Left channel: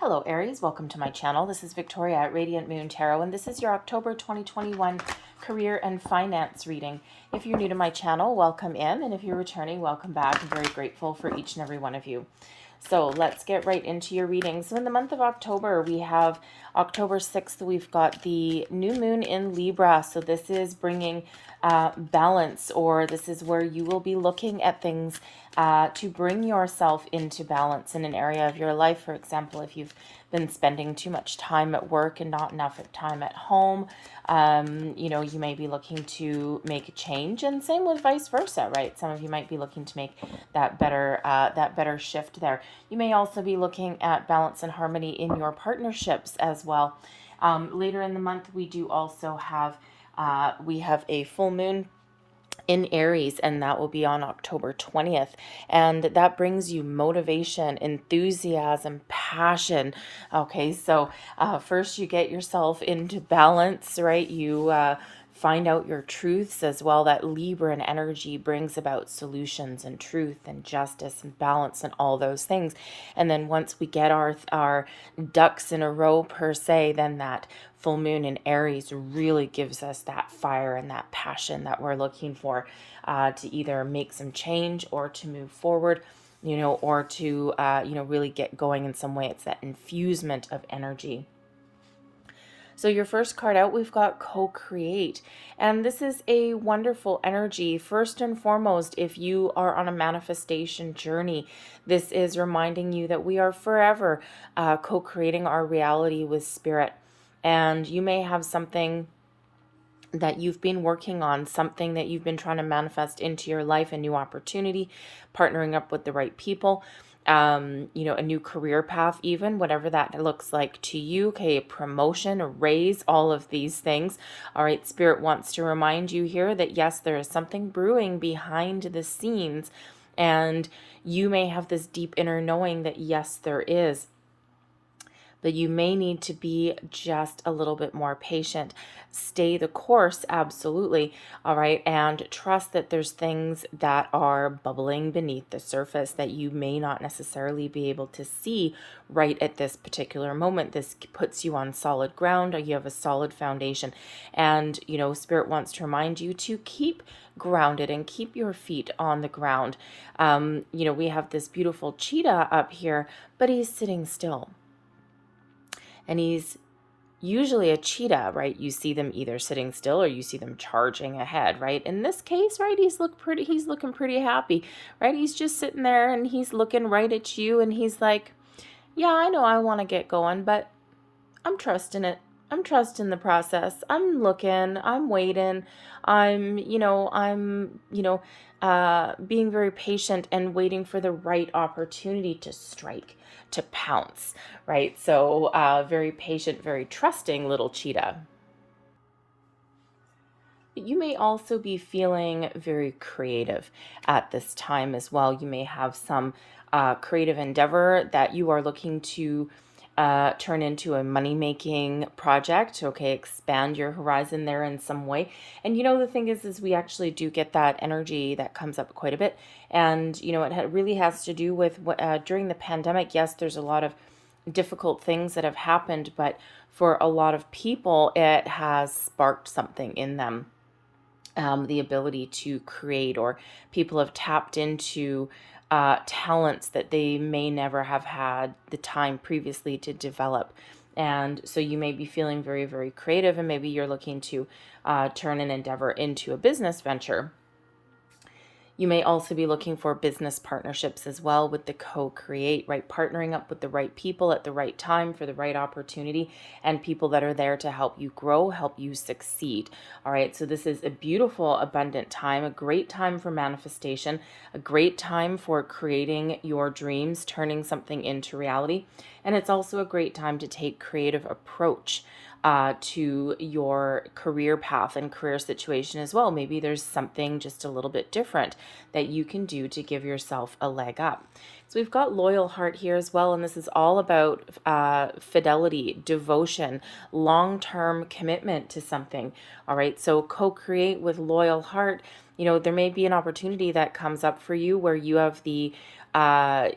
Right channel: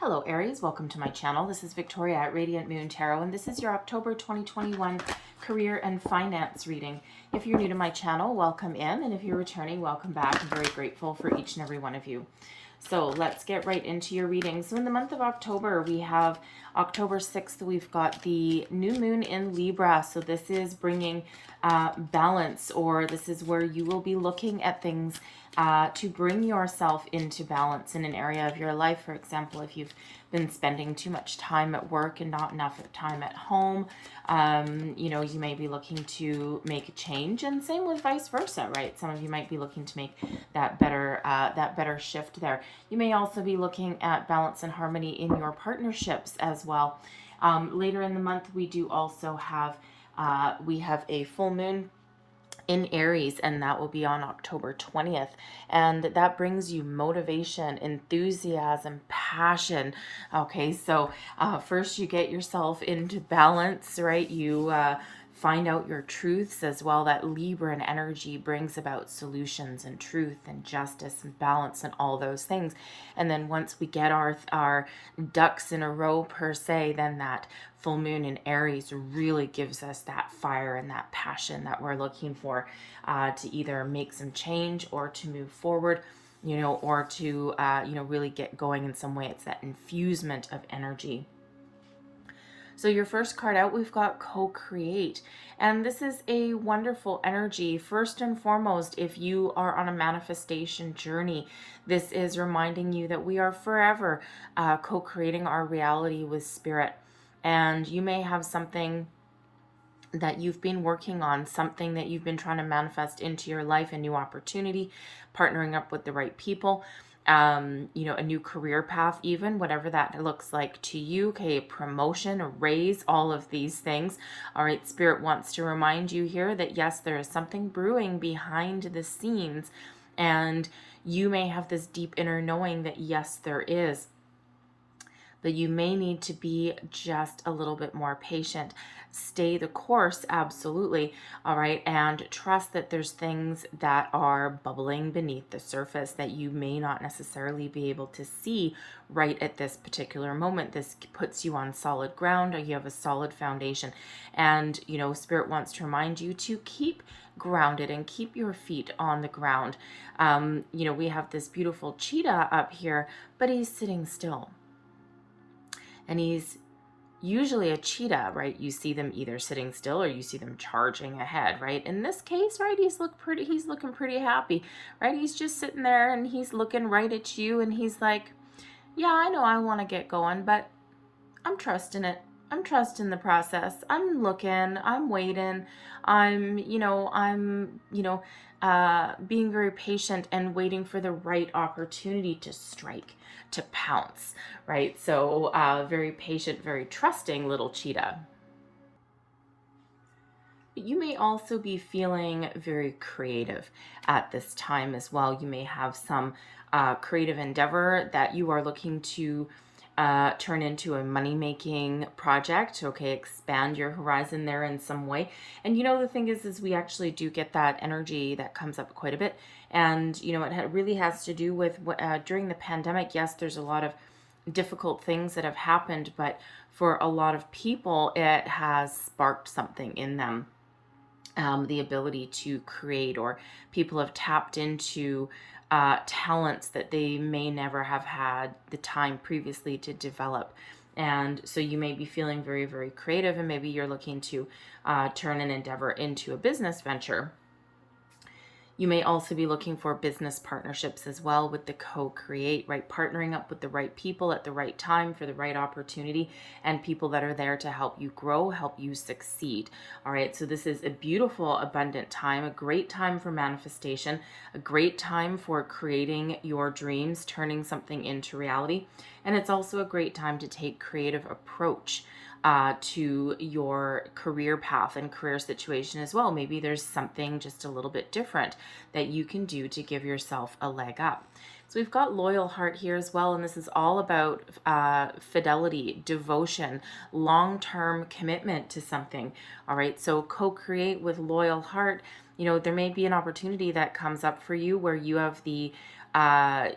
Hello Aries, welcome to my channel. This is Victoria at Radiant Moon Tarot, and this is your October 2021 career and finance reading. If you're new to my channel, welcome in, and if you're returning, welcome back. I'm very grateful for each and every one of you. So let's get right into your reading. So in the month of October, we have October 6th, we've got the new moon in Libra. So this is bringing balance, or this is where you will be looking at things to bring yourself into balance in an area of your life. For example, if you've been spending too much time at work and not enough time at home, you may be looking to make a change, and same with vice versa, right? Some of you might be looking to make that better shift there. You may also be looking at balance and harmony in your partnerships as well. Later in the month, we do also have we have a full moon in Aries, and that will be on October 20th. And that brings you motivation, enthusiasm, passion. Okay, so first you get yourself into balance, right? You find out your truths as well. That Libran energy brings about solutions and truth and justice and balance and all those things. And then once we get our ducks in a row per se, then that full moon in Aries really gives us that fire and that passion that we're looking for to either make some change or to move forward, or to, really get going in some way. It's that infusement of energy. So your first card out, we've got co-create. And this is a wonderful energy. First and foremost, if you are on a manifestation journey, this is reminding you that we are forever co-creating our reality with spirit. And you may have something that you've been working on, something that you've been trying to manifest into your life, a new opportunity, partnering up with the right people, a new career path, even whatever that looks like to you. Okay, a promotion, a raise, all of these things. All right, Spirit wants to remind you here that yes, there is something brewing behind the scenes, and you may have this deep inner knowing that yes, there is. But you may need to be just a little bit more patient. Stay the course, absolutely, all right? And trust that there's things that are bubbling beneath the surface that you may not necessarily be able to see right at this particular moment. This puts you on solid ground, or you have a solid foundation. And, Spirit wants to remind you to keep grounded and keep your feet on the ground. We have this beautiful cheetah up here, but he's sitting still. And he's usually a cheetah, right? You see them either sitting still or you see them charging ahead, right? In this case, right, he's looking pretty happy, right? He's just sitting there and he's looking right at you, and he's like, yeah, I know I want to get going, but I'm trusting it. I'm trusting the process. I'm looking, I'm waiting. I'm being very patient and waiting for the right opportunity to strike, to pounce, right? So very patient, very trusting little cheetah. You may also be feeling very creative at this time as well. You may have some creative endeavor that you are looking to turn into a money-making project. Okay, expand your horizon there in some way. And the thing is we actually do get that energy that comes up quite a bit. And it really has to do with during the pandemic. Yes, there's a lot of difficult things that have happened, but for a lot of people, it has sparked something in them. The ability to create, or people have tapped into talents that they may never have had the time previously to develop. And so you may be feeling very, very creative, and maybe you're looking to turn an endeavor into a business venture. You may also be looking for business partnerships as well with the co-create, right? Partnering up with the right people at the right time for the right opportunity, and people that are there to help you grow, help you succeed. All right, so this is a beautiful, abundant time, a great time for manifestation, a great time for creating your dreams, turning something into reality. And it's also a great time to take creative approach to your career path and career situation as well. Maybe there's something just a little bit different that you can do to give yourself a leg up. So we've got loyal heart here as well, and this is all about fidelity, devotion, long-term commitment to something. All right, so co-create with loyal heart. There may be an opportunity that comes up for you where you have the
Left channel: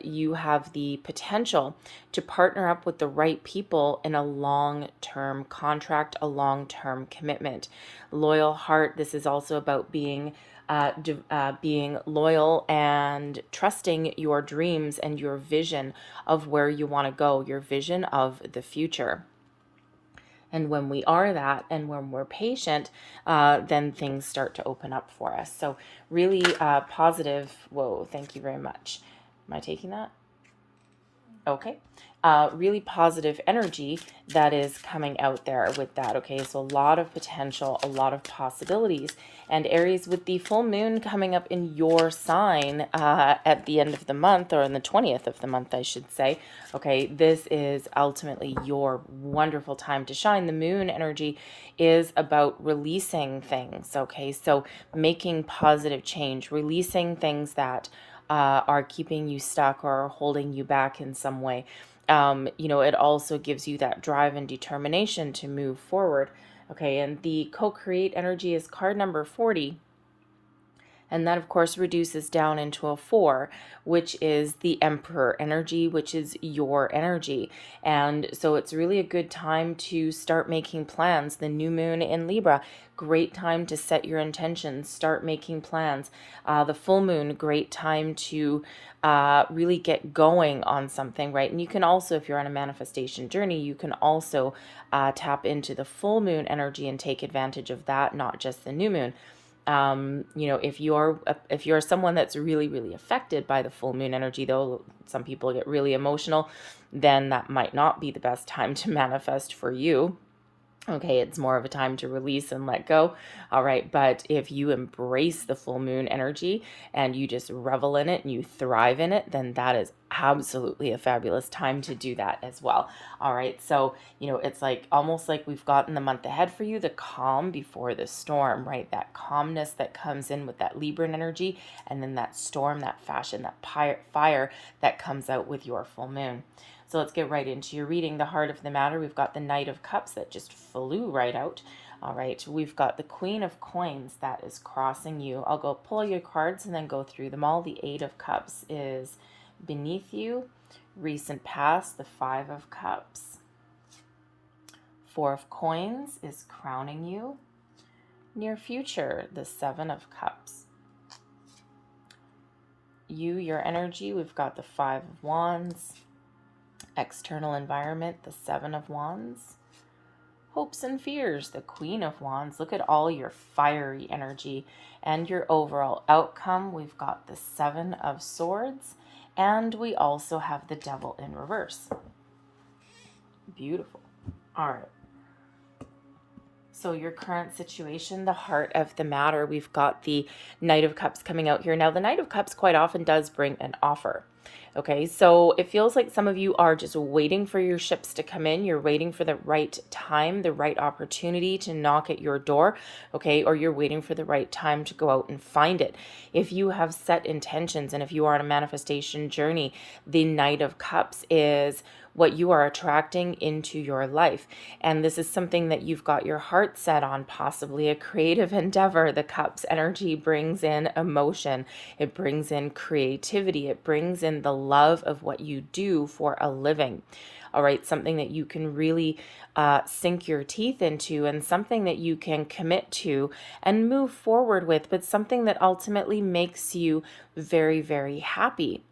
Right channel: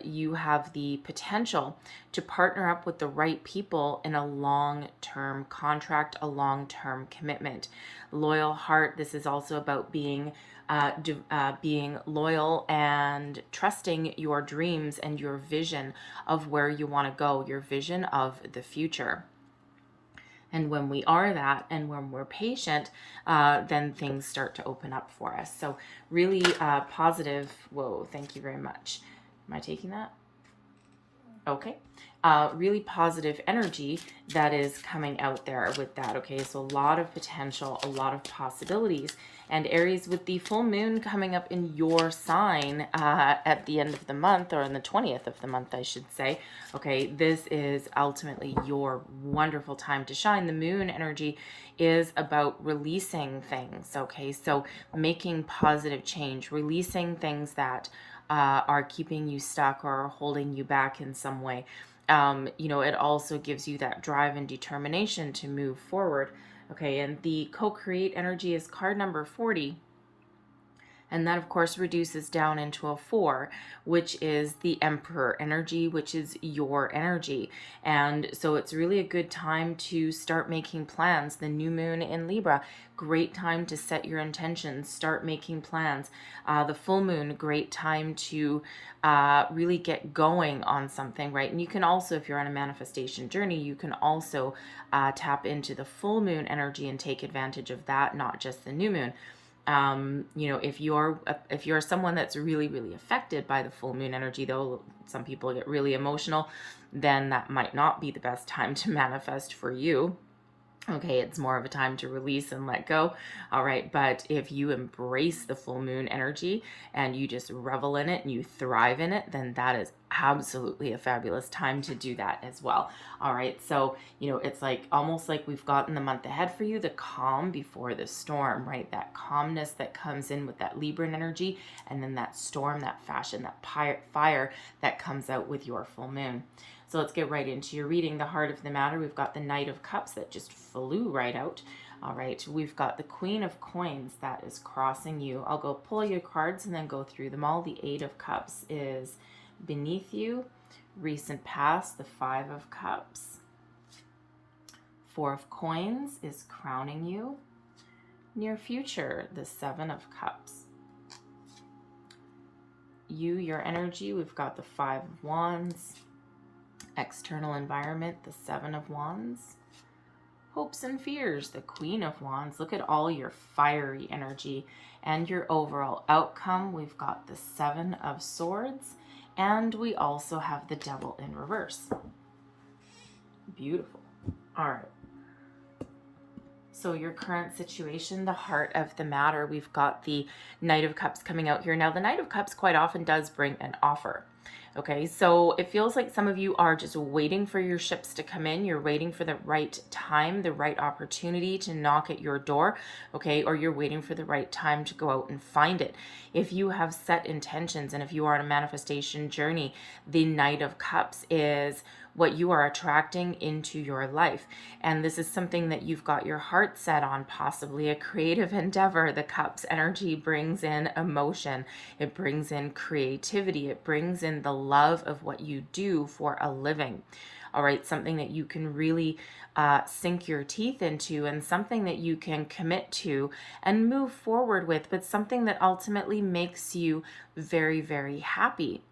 you have the potential to partner up with the right people in a long-term contract, a long-term commitment. Loyal heart, this is also about being loyal and trusting your dreams and your vision of where you want to go, your vision of the future. And when we are that, and when we're patient, then things start to open up for us. So really positive. Whoa, thank you very much. Am I taking that? Okay. Really positive energy that is coming out there with that. Okay, so a lot of potential, a lot of possibilities. And Aries, with the full moon coming up in your sign at the end of the month, or in the 20th of the month, I should say. Okay, this is ultimately your wonderful time to shine. The moon energy is about releasing things. Okay, so making positive change, releasing things that are keeping you stuck or holding you back in some way. It also gives you that drive and determination to move forward. Okay, and the co-create energy is card number 40. And that, of course, reduces down into a 4, which is the Emperor energy, which is your energy. And so it's really a good time to start making plans. The new moon in Libra, great time to set your intentions, start making plans. The full moon, great time to really get going on something, right? And you can also, if you're on a manifestation journey, you can also tap into the full moon energy and take advantage of that, not just the new moon. If you're someone that's really affected by the full moon energy, though some people get really emotional, then that might not be the best time to manifest for you. Okay, it's more of a time to release and let go. All right, but if you embrace the full moon energy and you just revel in it and you thrive in it, then that is absolutely a fabulous time to do that as well. All right, so, it's like almost like we've gotten the month ahead for you, the calm before the storm, right? That calmness that comes in with that Libran energy, and then that storm, that fashion, that fire that comes out with your full moon. So let's get right into your reading. The heart of the matter, we've got the Knight of Cups that just flew right out. All right, we've got the Queen of Coins that is crossing you. I'll go pull your cards and then go through them all. The Eight of Cups is beneath you. Recent past, the Five of Cups. Four of Coins is crowning you. Near future, the Seven of Cups. Your energy, we've got the Five of Wands. External environment, the Seven of Wands. Hopes and fears, the Queen of Wands. Look at all your fiery energy and your overall outcome. We've got the Seven of Swords, and we also have the Devil in reverse. Beautiful. All right. So your current situation, the heart of the matter, we've got the Knight of Cups coming out here. Now, the Knight of Cups quite often does bring an offer. Okay, so it feels like some of you are just waiting for your ships to come in. You're waiting for the right time, the right opportunity to knock at your door, okay? Or you're waiting for the right time to go out and find it. If you have set intentions and if you are on a manifestation journey, the Knight of Cups is what you are attracting into your life. And this is something that you've got your heart set on, possibly a creative endeavor. The Cups energy brings in emotion. It brings in creativity. It brings in the love of what you do for a living. All right, something that you can really sink your teeth into, and something that you can commit to and move forward with, but something that ultimately makes you very happy.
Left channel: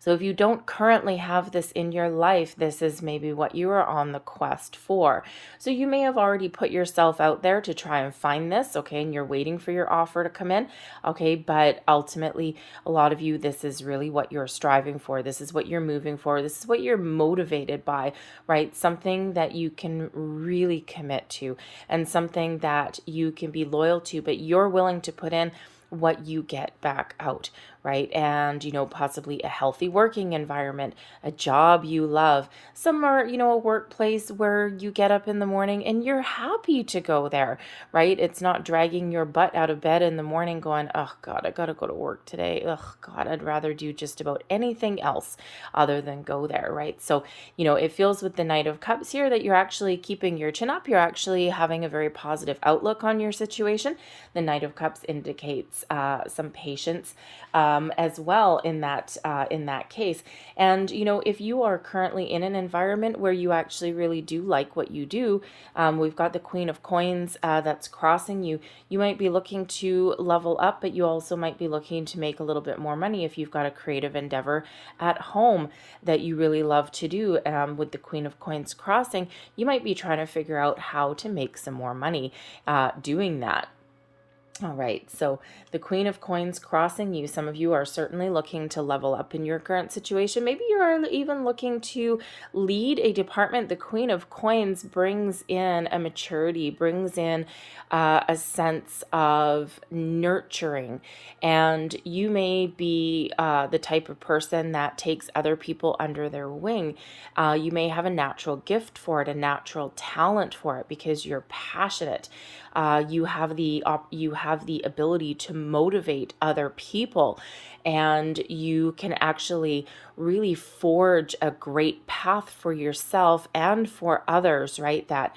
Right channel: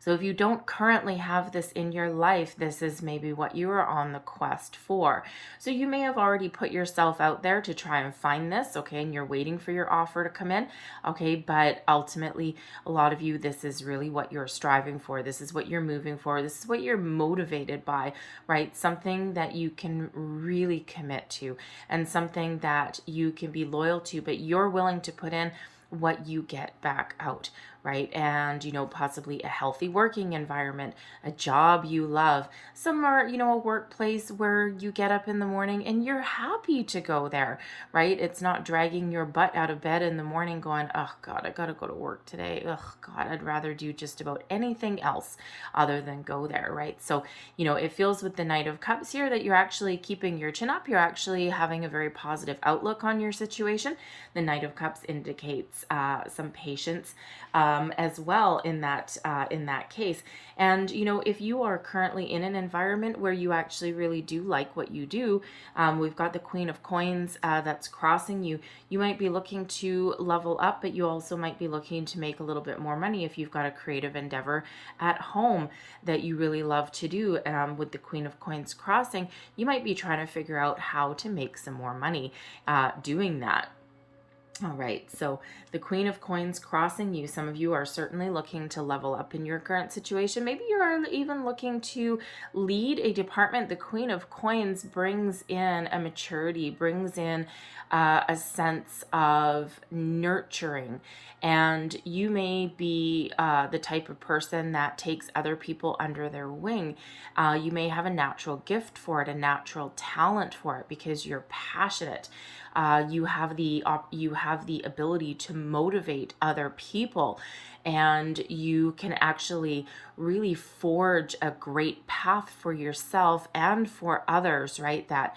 So if you don't currently have this in your life, this is maybe what you are on the quest for. So you may have already put yourself out there to try and find this, okay, and you're waiting for your offer to come in, okay, but ultimately, a lot of you, this is really what you're striving for. This is what you're moving for. This is what you're motivated by, right? Something that you can really commit to and something that you can be loyal to, but you're willing to put in what you get back out, right? And, possibly a healthy working environment, a job you love, somewhere, a workplace where you get up in the morning and you're happy to go there, right? It's not dragging your butt out of bed in the morning going, oh God, I got to go to work today. Oh God, I'd rather do just about anything else other than go there, right? So, it feels with the Knight of Cups here that you're actually keeping your chin up. You're actually having a very positive outlook on your situation. The Knight of Cups indicates some patience as well in that case. And if you are currently in an environment where you actually really do like what you do, we've got the Queen of Coins that's crossing you. You might be looking to level up, but you also might be looking to make a little bit more money if you've got a creative endeavor at home that you really love to do. With the Queen of Coins crossing, you might be trying to figure out how to make some more money doing that. All right, so the Queen of Coins crossing you. Some of you are certainly looking to level up in your current situation. Maybe you're even looking to lead a department. The Queen of Coins brings in a maturity, brings in a sense of nurturing. And you may be the type of person that takes other people under their wing. You may have a natural gift for it, a natural talent for it, because you're passionate. You have the ability to motivate other people, and you can actually really forge a great path for yourself and for others, right? That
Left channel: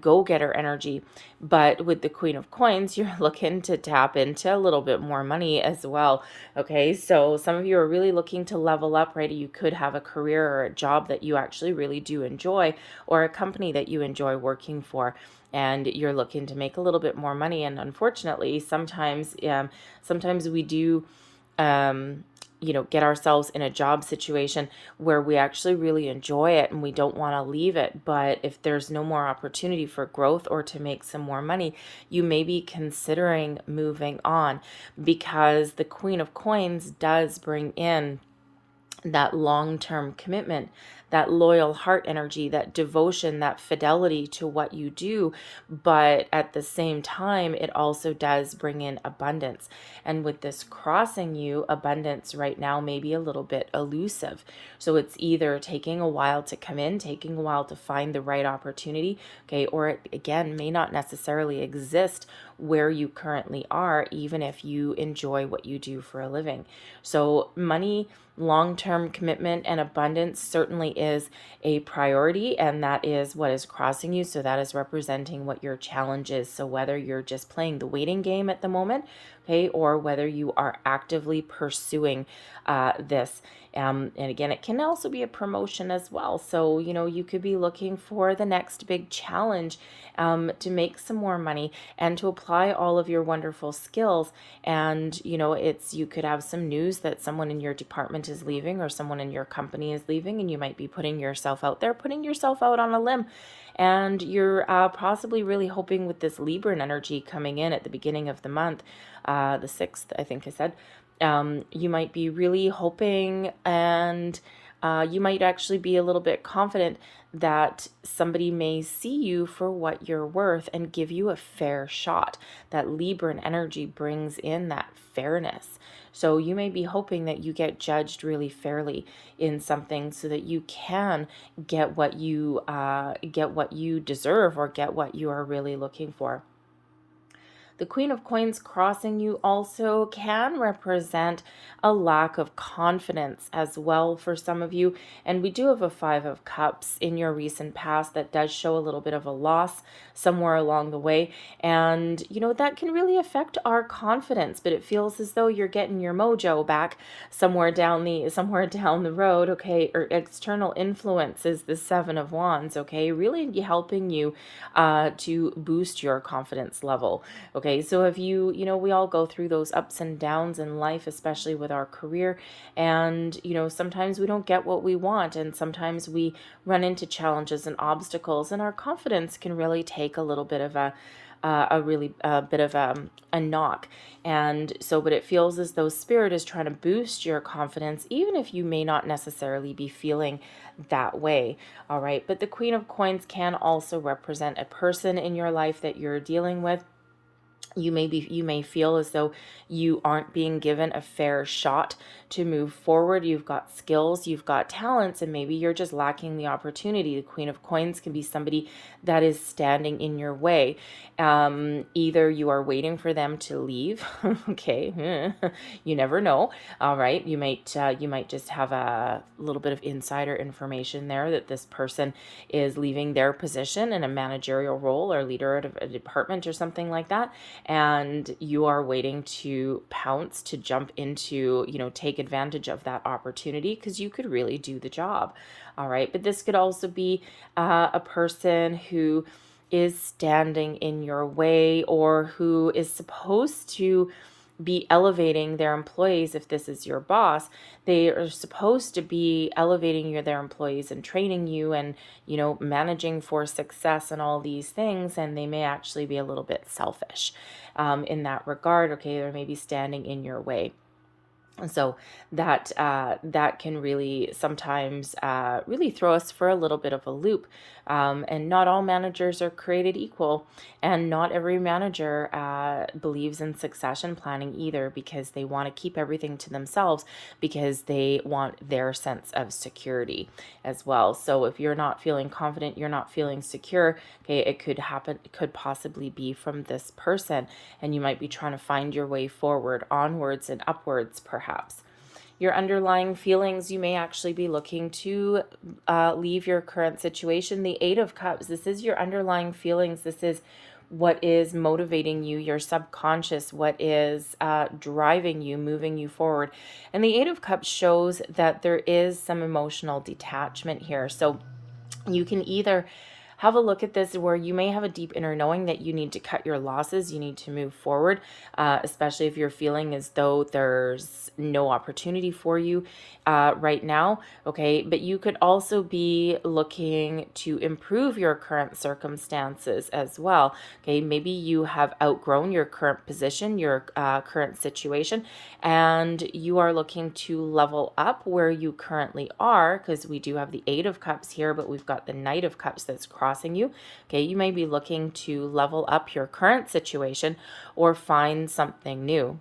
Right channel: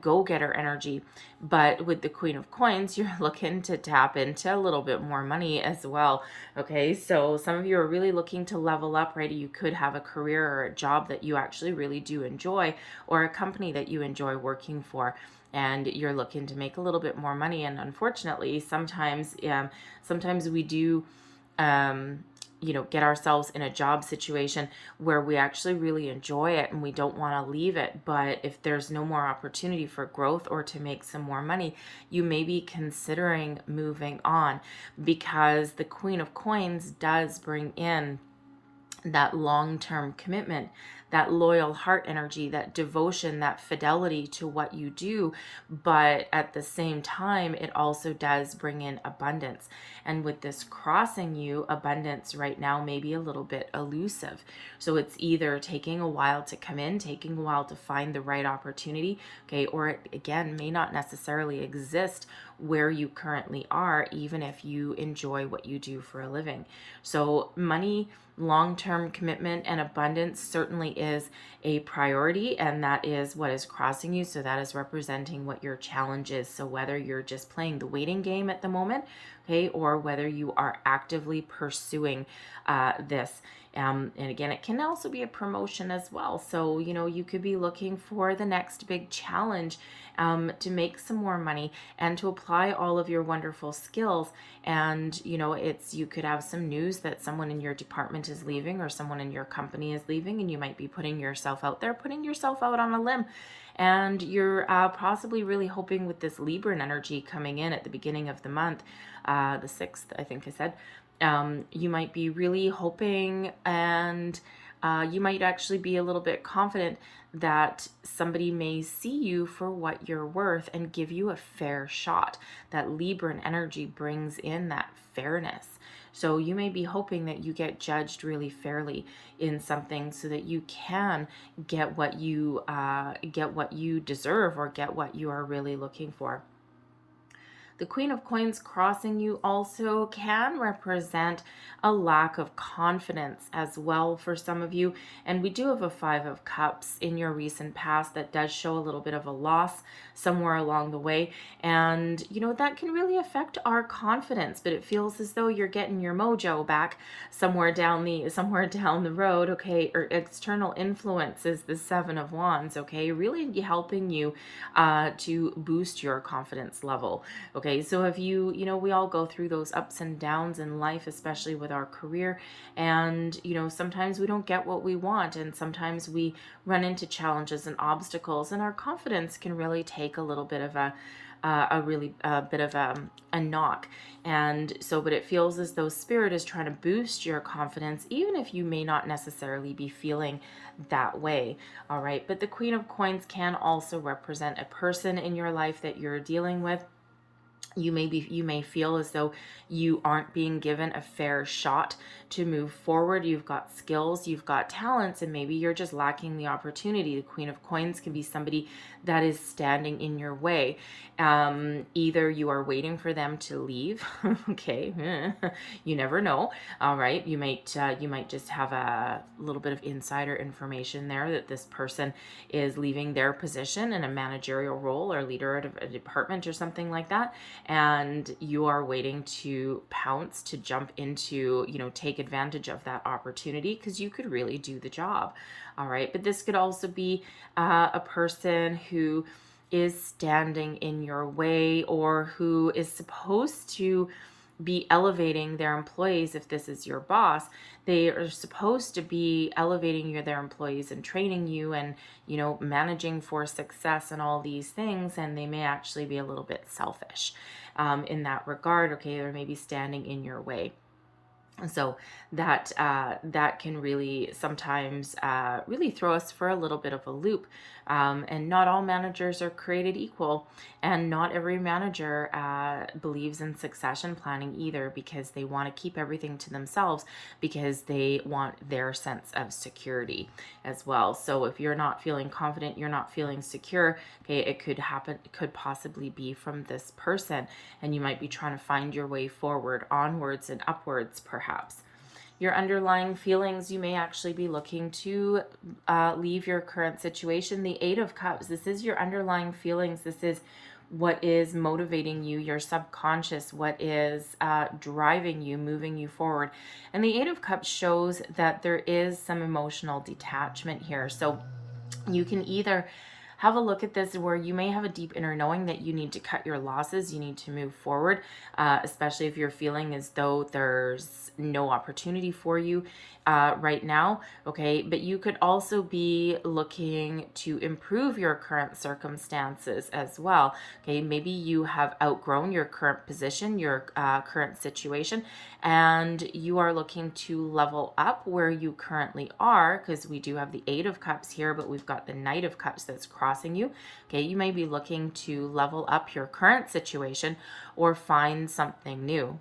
go-getter energy. But with the Queen of Coins, you're looking to tap into a little bit more money as well. Okay, so some of you are really looking to level up, right? You could have a career or a job that you actually really do enjoy, or a company that you enjoy working for, and you're looking to make a little bit more money. And unfortunately, sometimes we do get ourselves in a job situation where we actually really enjoy it and we don't want to leave it. But if there's no more opportunity for growth or to make some more money, you may be considering moving on, because the Queen of Coins does bring in that long-term commitment, that loyal heart energy, that devotion, that fidelity to what you do. But at the same time, it also does bring in abundance. And with this crossing you, abundance right now may be a little bit elusive. So it's either taking a while to come in, taking a while to find the right opportunity, okay, or it again may not necessarily exist where you currently are, even if you enjoy what you do for a living. So money, long-term commitment, and abundance certainly is a priority, and that is what is crossing you. So that is representing what your challenge is. So whether you're just playing the waiting game at the moment, okay, or whether you are actively pursuing this. And again, it can also be a promotion as well. So, you could be looking for the next big challenge to make some more money and to apply all of your wonderful skills. And, you could have some news that someone in your department is leaving or someone in your company is leaving, and you might be putting yourself out there, putting yourself out on a limb. And you're possibly really hoping with this Libran energy coming in at the beginning of the month, the 6th, I think I said, you might be really hoping, and you might actually be a little bit confident that somebody may see you for what you're worth and give you a fair shot. That Libran energy brings in that fairness. So you may be hoping that you get judged really fairly in something so that you can get what you deserve, or get what you are really looking for. The Queen of Coins crossing you also can represent a lack of confidence as well for some of you. And we do have a 5 of Cups in your recent past that does show a little bit of a loss somewhere along the way. And, that can really affect our confidence, but it feels as though you're getting your mojo back somewhere down the road, okay? Or external influence is the 7 of Wands, okay? Really helping you to boost your confidence level, okay? So if we all go through those ups and downs in life, especially with our career, and sometimes we don't get what we want, and sometimes we run into challenges and obstacles, and our confidence can really take a little bit of a knock. And so, but it feels as though Spirit is trying to boost your confidence, even if you may not necessarily be feeling that way. All right. But the Queen of Coins can also represent a person in your life that you're dealing with. You may feel as though you aren't being given a fair shot to move forward. You've got skills, you've got talents, and maybe you're just lacking the opportunity. The Queen of Coins can be somebody that is standing in your way. Either you are waiting for them to leave. Okay. You never know. All right. You might just have a little bit of insider information there that this person is leaving their position in a managerial role or leader of a department or something like that. And you are waiting to pounce, to jump into, take advantage of that opportunity because you could really do the job. All right. But this could also be a person who is standing in your way, or who is supposed to be elevating their employees. If this is your boss, they are supposed to be elevating their employees and training you and, managing for success and all these things. And they may actually be a little bit selfish in that regard. Okay, they're maybe standing in your way. And so that can really sometimes really throw us for a little bit of a loop. And not all managers are created equal, and not every manager believes in succession planning either, because they want to keep everything to themselves because they want their sense of security as well. So if you're not feeling confident, you're not feeling secure, okay, it could possibly be from this person, and you might be trying to find your way forward, onwards and upwards perhaps. Your underlying feelings, you may actually be looking to leave your current situation. The Eight of Cups, this is your underlying feelings. This is what is motivating you, your subconscious, what is driving you, moving you forward. And the Eight of Cups shows that there is some emotional detachment here. So you can either have a look at this where you may have a deep inner knowing that you need to cut your losses, you need to move forward, especially if you're feeling as though there's no opportunity for you right now, okay? But you could also be looking to improve your current circumstances as well, okay? Maybe you have outgrown your current position, your current situation, and you are looking to level up where you currently are, because we do have the Eight of Cups here, but we've got the Knight of Cups that's crossing you. Okay, you may be looking to level up your current situation or find something new.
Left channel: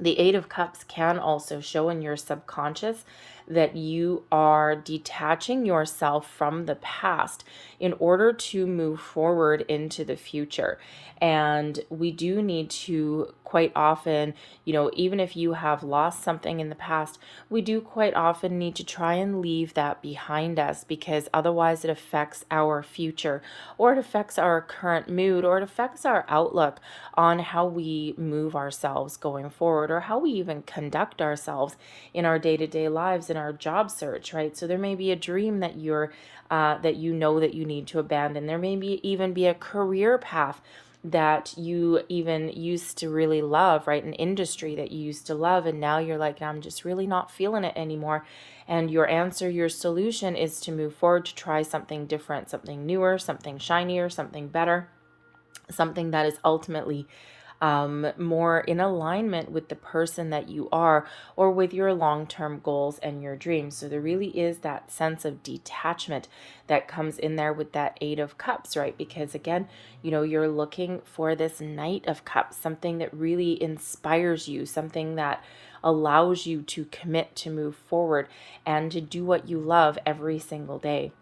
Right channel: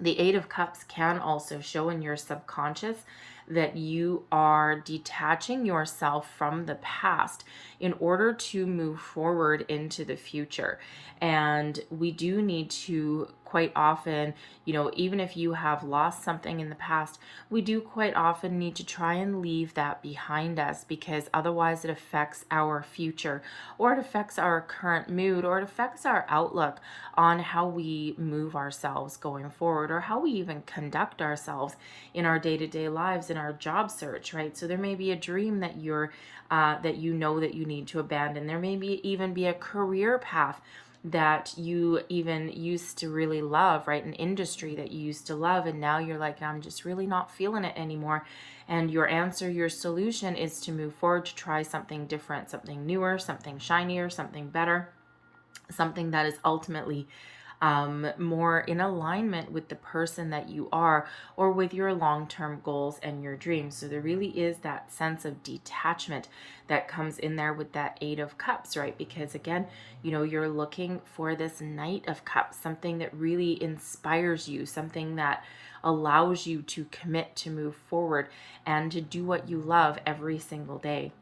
The Eight of Cups can also show in your subconscious that you are detaching yourself from the past in order to move forward into the future. And we do need to quite often, even if you have lost something in the past, we do quite often need to try and leave that behind us, because otherwise it affects our future, or it affects our current mood, or it affects our outlook on how we move ourselves going forward, or how we even conduct ourselves in our day-to-day lives, in our job search, right? So there may be a dream that that you need to abandon. There may even be a career path that you even used to really love, right? An industry that you used to love, and now you're like, I'm just really not feeling it anymore. And your answer, your solution is to move forward, to try something different, something newer, something shinier, something better, something that is ultimately more in alignment with the person that you are, or with your long-term goals and your dreams. So there really is that sense of detachment that comes in there with that Eight of Cups, right? Because again, you're looking for this Knight of Cups, something that really inspires you, something that allows you to commit to move forward and to do what you love every single day.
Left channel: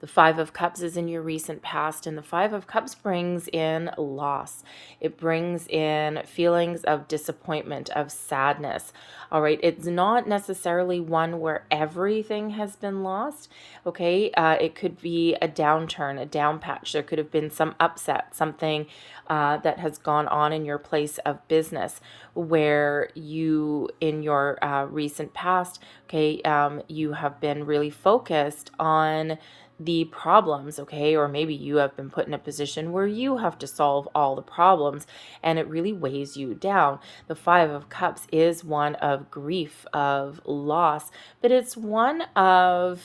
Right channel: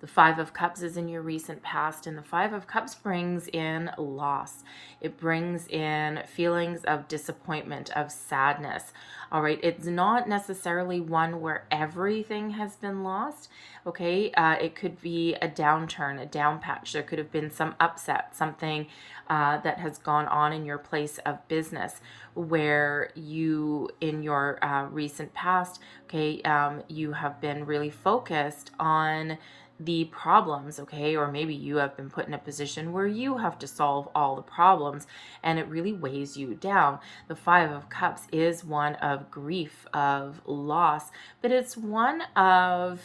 The Five of Cups is in your recent past, and the Five of Cups brings in loss. It brings in feelings of disappointment, of sadness. All right, it's not necessarily one where everything has been lost, okay? It could be a downturn, a down patch. There could have been some upset, something that has gone on in your place of business where you, in your recent past, okay, you have been really focused on the problems, okay? Or maybe you have been put in a position where you have to solve all the problems, and it really weighs you down. The Five of Cups is one of grief, of loss, but it's one of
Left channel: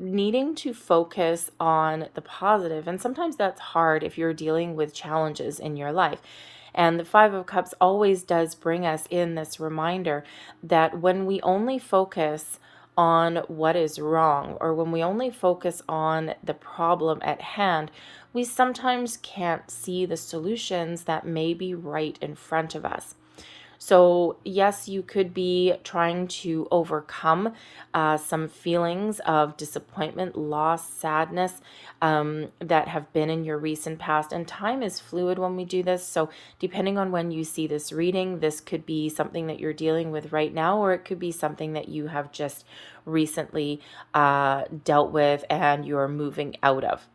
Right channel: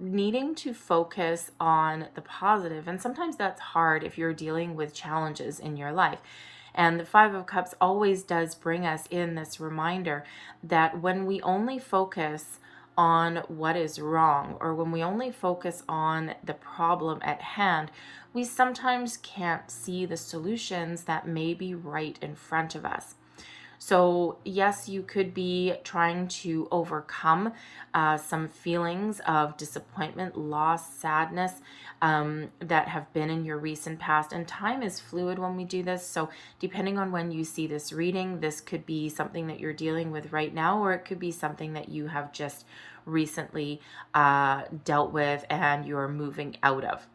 needing to focus on the positive. And sometimes that's hard if you're dealing with challenges in your life. And the Five of Cups always does bring us in this reminder that when we only focus on what is wrong, or when we only focus on the problem at hand, we sometimes can't see the solutions that may be right in front of us. So yes, you could be trying to overcome some feelings of disappointment, loss, sadness that have been in your recent past. And time is fluid when we do this. So depending on when you see this reading, this could be something that you're dealing with right now, or it could be something that you have just recently dealt with and you're moving out of.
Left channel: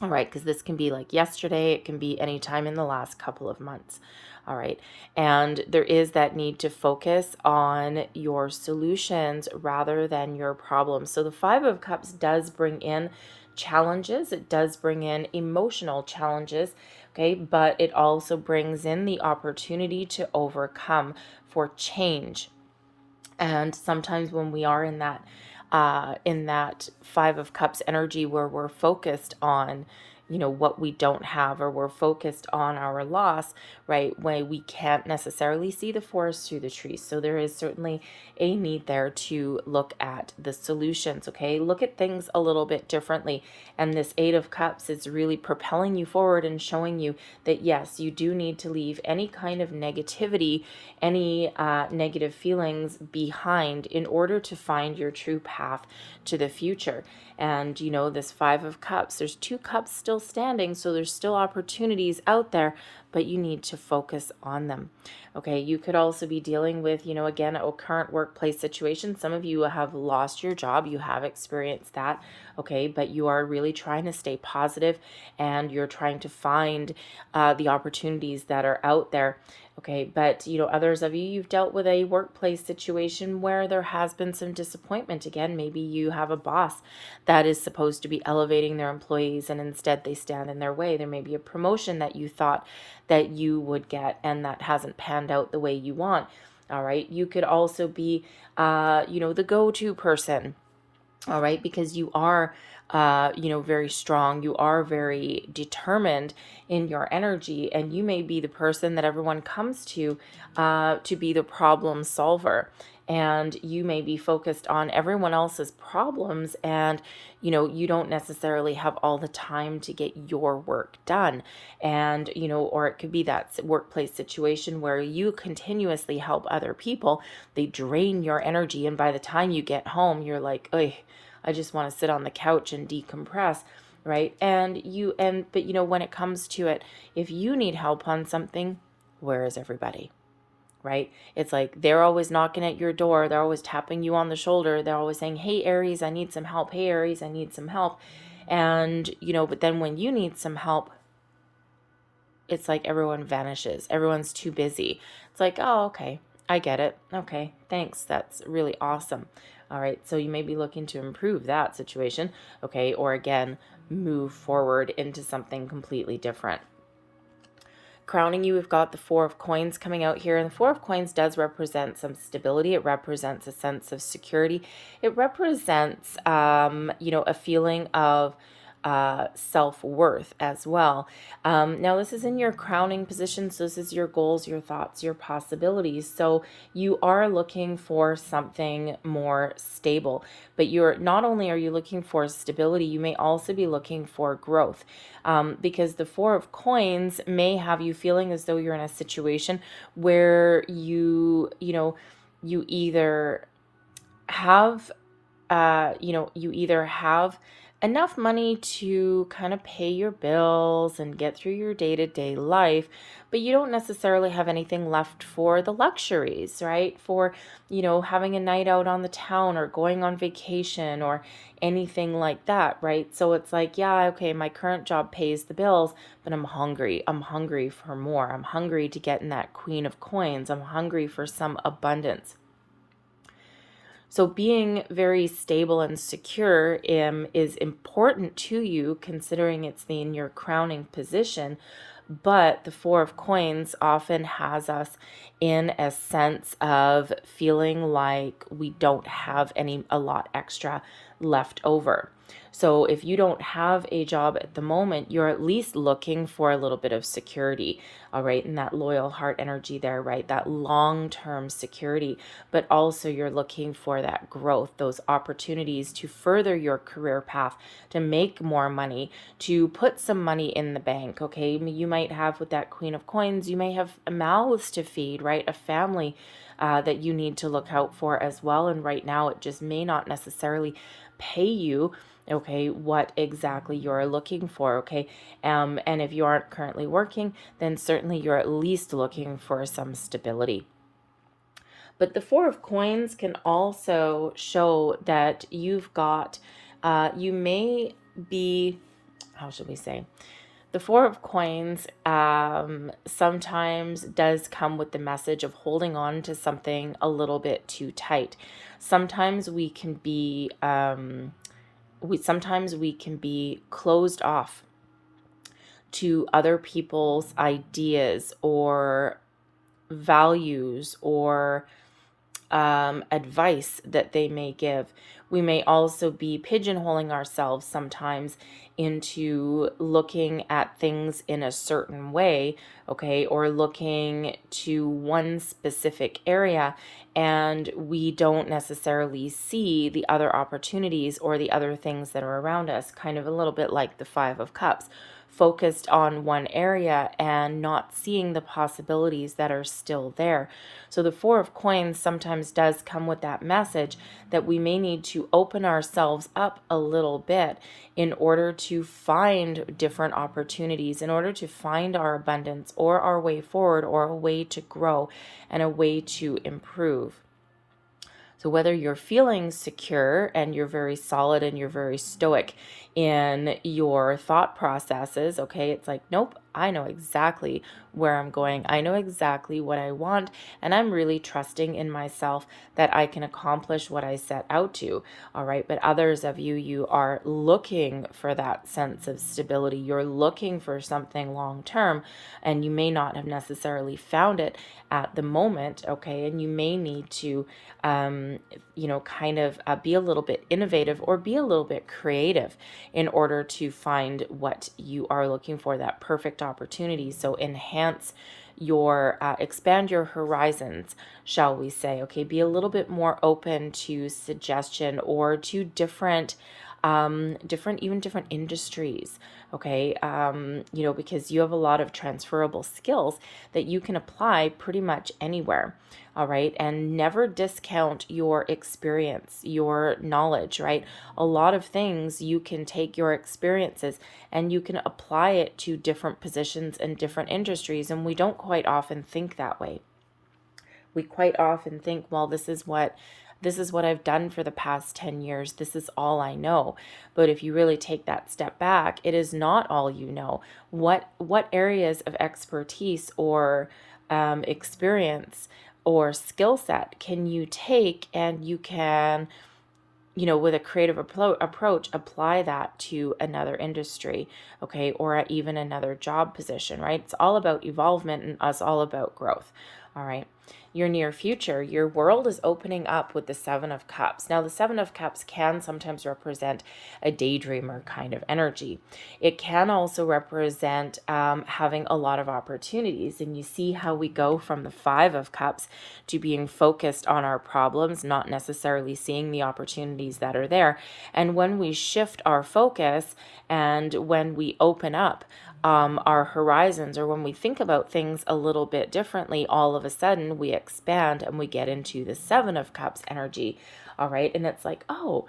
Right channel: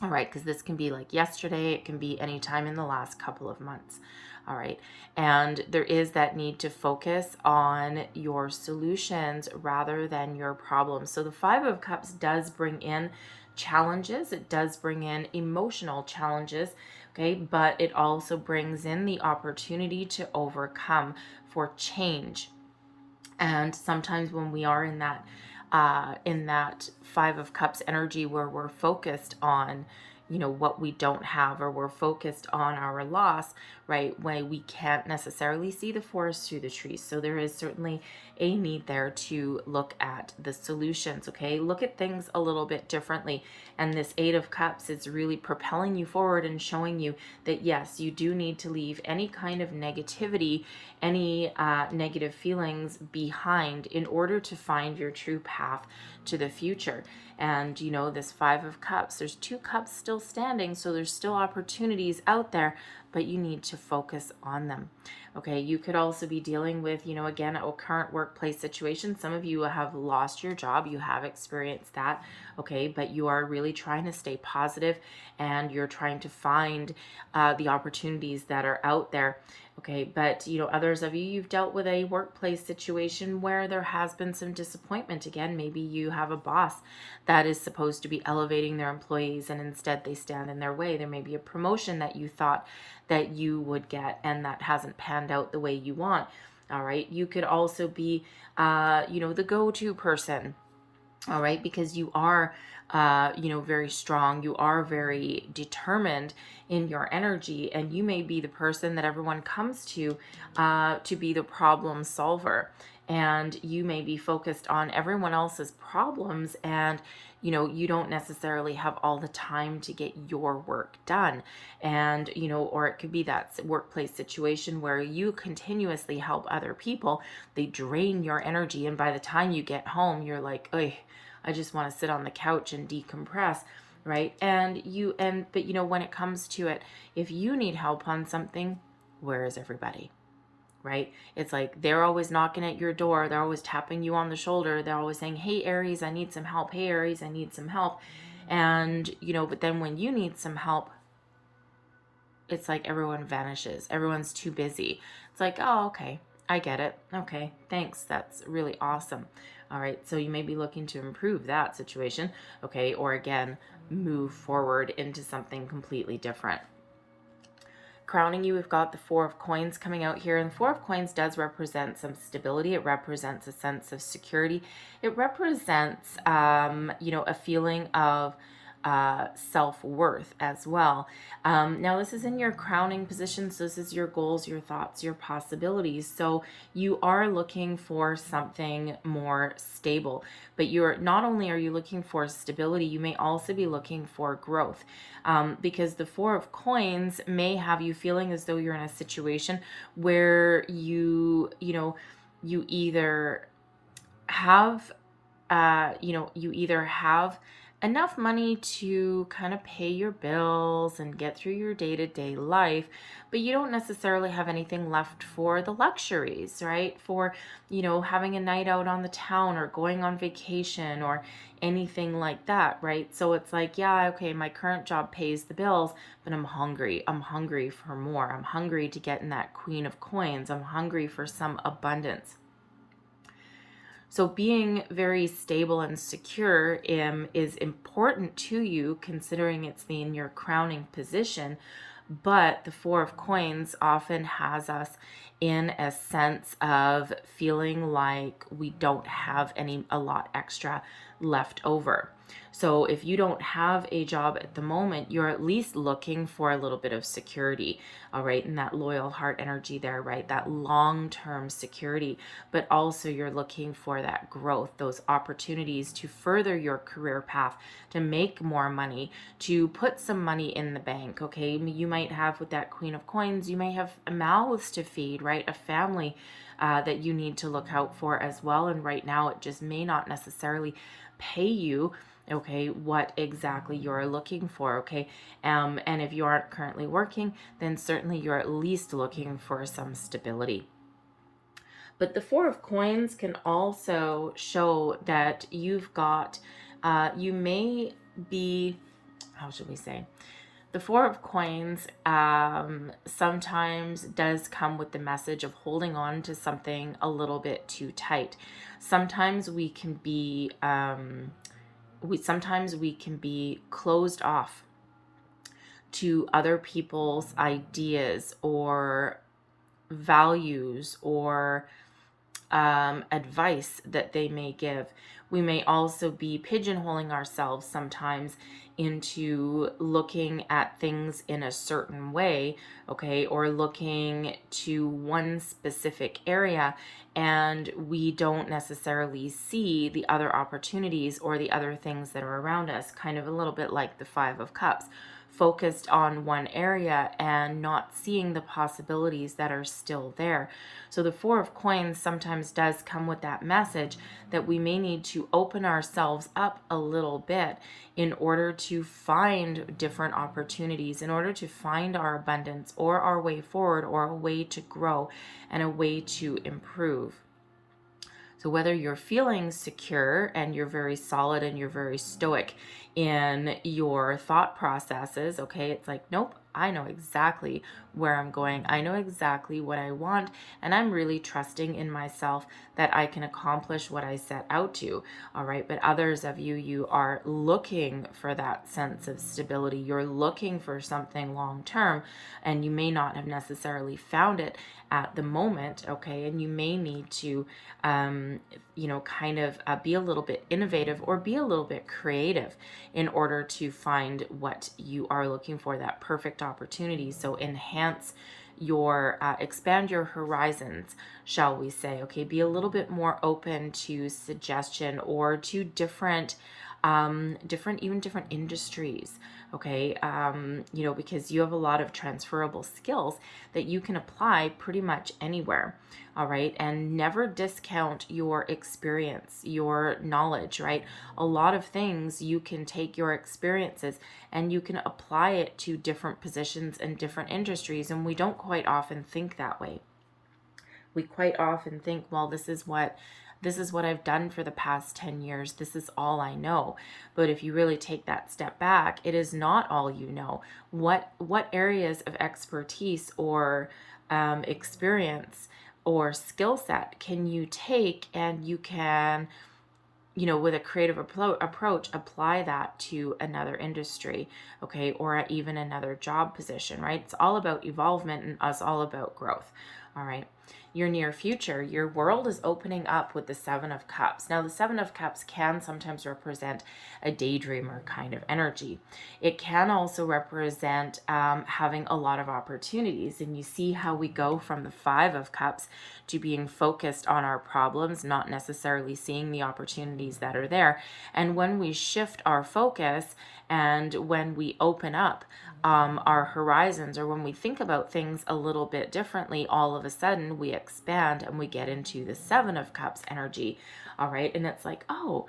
All right, because this can be like yesterday, it can be any time in the last couple of months. All right, and there is that need to focus on your solutions rather than your problems. So the Five of Cups does bring in challenges, it does bring in emotional challenges, okay, but it also brings in the opportunity to overcome, for change. And sometimes when we are in that Five of Cups energy where we're focused on, what we don't have, or we're focused on our loss, right, when we can't necessarily see the forest through the trees. So there is certainly a need there to look at the solutions, okay? Look at things a little bit differently. And this Eight of Cups is really propelling you forward and showing you that yes, you do need to leave any kind of negativity, any negative feelings behind in order to find your true path to the future. And this Five of Cups, there's two cups still standing, so there's still opportunities out there, but you need to focus on them. Okay, you could also be dealing with, again, a current workplace situation. Some of you have lost your job, you have experienced that, okay, but you are really trying to stay positive and you're trying to find the opportunities that are out there. Okay, but others of you, you've dealt with a workplace situation where there has been some disappointment. Again, maybe you have a boss that is supposed to be elevating their employees and instead they stand in their way. There may be a promotion that you thought that you would get and that hasn't panned out the way you want. All right, you could also be, the go-to person. All right, because you are very strong, you are very determined in your energy, and you may be the person that everyone comes to be the problem solver, and you may be focused on everyone else's problems, and you don't necessarily have all the time to get your work done. And or it could be that workplace situation where you continuously help other people, they drain your energy, and by the time you get home you're like, "Oy, I just want to sit on the couch and decompress," right? But when it comes to it, if you need help on something, where is everybody? Right? It's like they're always knocking at your door, they're always tapping you on the shoulder, they're always saying, "Hey Aries, I need some help. Hey Aries, I need some help." And but then when you need some help, it's like everyone vanishes. Everyone's too busy. It's like, "Oh, okay. I get it. Okay, thanks. That's really awesome." All right, so you may be looking to improve that situation, okay, or again, move forward into something completely different. Crowning you, we've got the Four of Coins coming out here, and the Four of Coins does represent some stability. It represents a sense of security. It represents, a feeling of self-worth as well. Now this is in your crowning position, so this is your goals, your thoughts, your possibilities. So you are looking for something more stable, but you're not only are you looking for stability, you may also be looking for growth. Because the Four of Coins may have you feeling as though you're in a situation where you either have enough money to kind of pay your bills and get through your day-to-day life, but you don't necessarily have anything left for the luxuries, right? For, having a night out on the town or going on vacation or anything like that, right? So it's like, yeah, okay, my current job pays the bills, but I'm hungry. I'm hungry for more. I'm hungry to get in that Queen of Coins. I'm hungry for some abundance. So being very stable and secure is important to you, considering it's in your crowning position. But the Four of Coins often has us in a sense of feeling like we don't have a lot extra left over. So if you don't have a job at the moment, you're at least looking for a little bit of security, all right, and that loyal heart energy there, right? That long-term security, but also you're looking for that growth, those opportunities to further your career path, to make more money, to put some money in the bank, okay? You might have, with that Queen of Coins, you may have mouths to feed, right? A family that you need to look out for as well. And right now it just may not necessarily pay you, okay, what exactly you're looking for, okay? And if you aren't currently working, then certainly you're at least looking for some stability. But the Four of Coins can also show that you've got, you may be, how should we say? The Four of Coins sometimes does come with the message of holding on to something a little bit too tight. Sometimes we can be closed off to other people's ideas or values or advice that they may give. We may also be pigeonholing ourselves sometimes into looking at things in a certain way, okay, or looking to one specific area, and we don't necessarily see the other opportunities or the other things that are around us, kind of a little bit like the Five of Cups, focused on one area and not seeing the possibilities that are still there. So the Four of Coins sometimes does come with that message that we may need to open ourselves up a little bit in order to find different opportunities, in order to find our abundance or our way forward or a way to grow and a way to improve. So whether you're feeling secure and you're very solid and you're very stoic in your thought processes, okay, it's like, nope, I know exactly where I'm going. I know exactly what I want, and I'm really trusting in myself that I can accomplish what I set out to, all right? But others of you, you are looking for that sense of stability. You're looking for something long term, and you may not have necessarily found it at the moment, okay? And you may need to kind of be a little bit innovative or be a little bit creative in order to find what you are looking for, that perfect opportunity. So enhance your, expand your horizons, shall we say, okay? Be a little bit more open to suggestion or to different industries, okay? Because you have a lot of transferable skills that you can apply pretty much anywhere, all right? And never discount your experience, your knowledge, right? A lot of things you can take your experiences and you can apply it to different positions and different industries, and we don't quite often think that way. We quite often think, well, this is what I've done for the past 10 years. This is all I know. But if you really take that step back, it is not all you know. What areas of expertise or experience or skill set can you take, and you can, with a creative approach, apply that to another industry, okay, or even another job position, right? It's all about evolvement and it's all about growth, all right? Your near future, your world is opening up with the Seven of Cups. Now, the Seven of Cups can sometimes represent a daydreamer kind of energy. It can also represent having a lot of opportunities. And you see how we go from the Five of Cups to being focused on our problems, not necessarily seeing the opportunities that are there. And when we shift our focus and when we open up our horizons, or when we think about things a little bit differently, all of a sudden we expand and we get into the Seven of Cups energy, all right? And it's like, oh,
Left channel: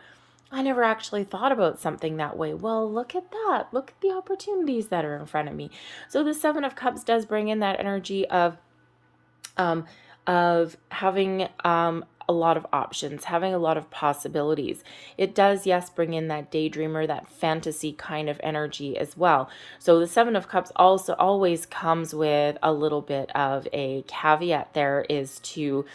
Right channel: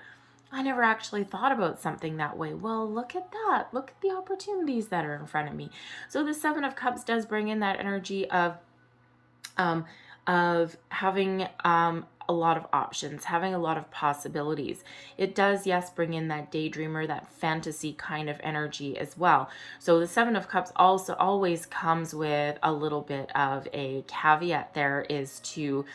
I never actually thought about something that way. Well, look at that. Look at the opportunities that are in front of me. So the Seven of Cups does bring in that energy of having a lot of options, having a lot of possibilities. It does, yes, bring in that daydreamer, that fantasy kind of energy as well. So the Seven of Cups also always comes with a little bit of a caveat there, is to,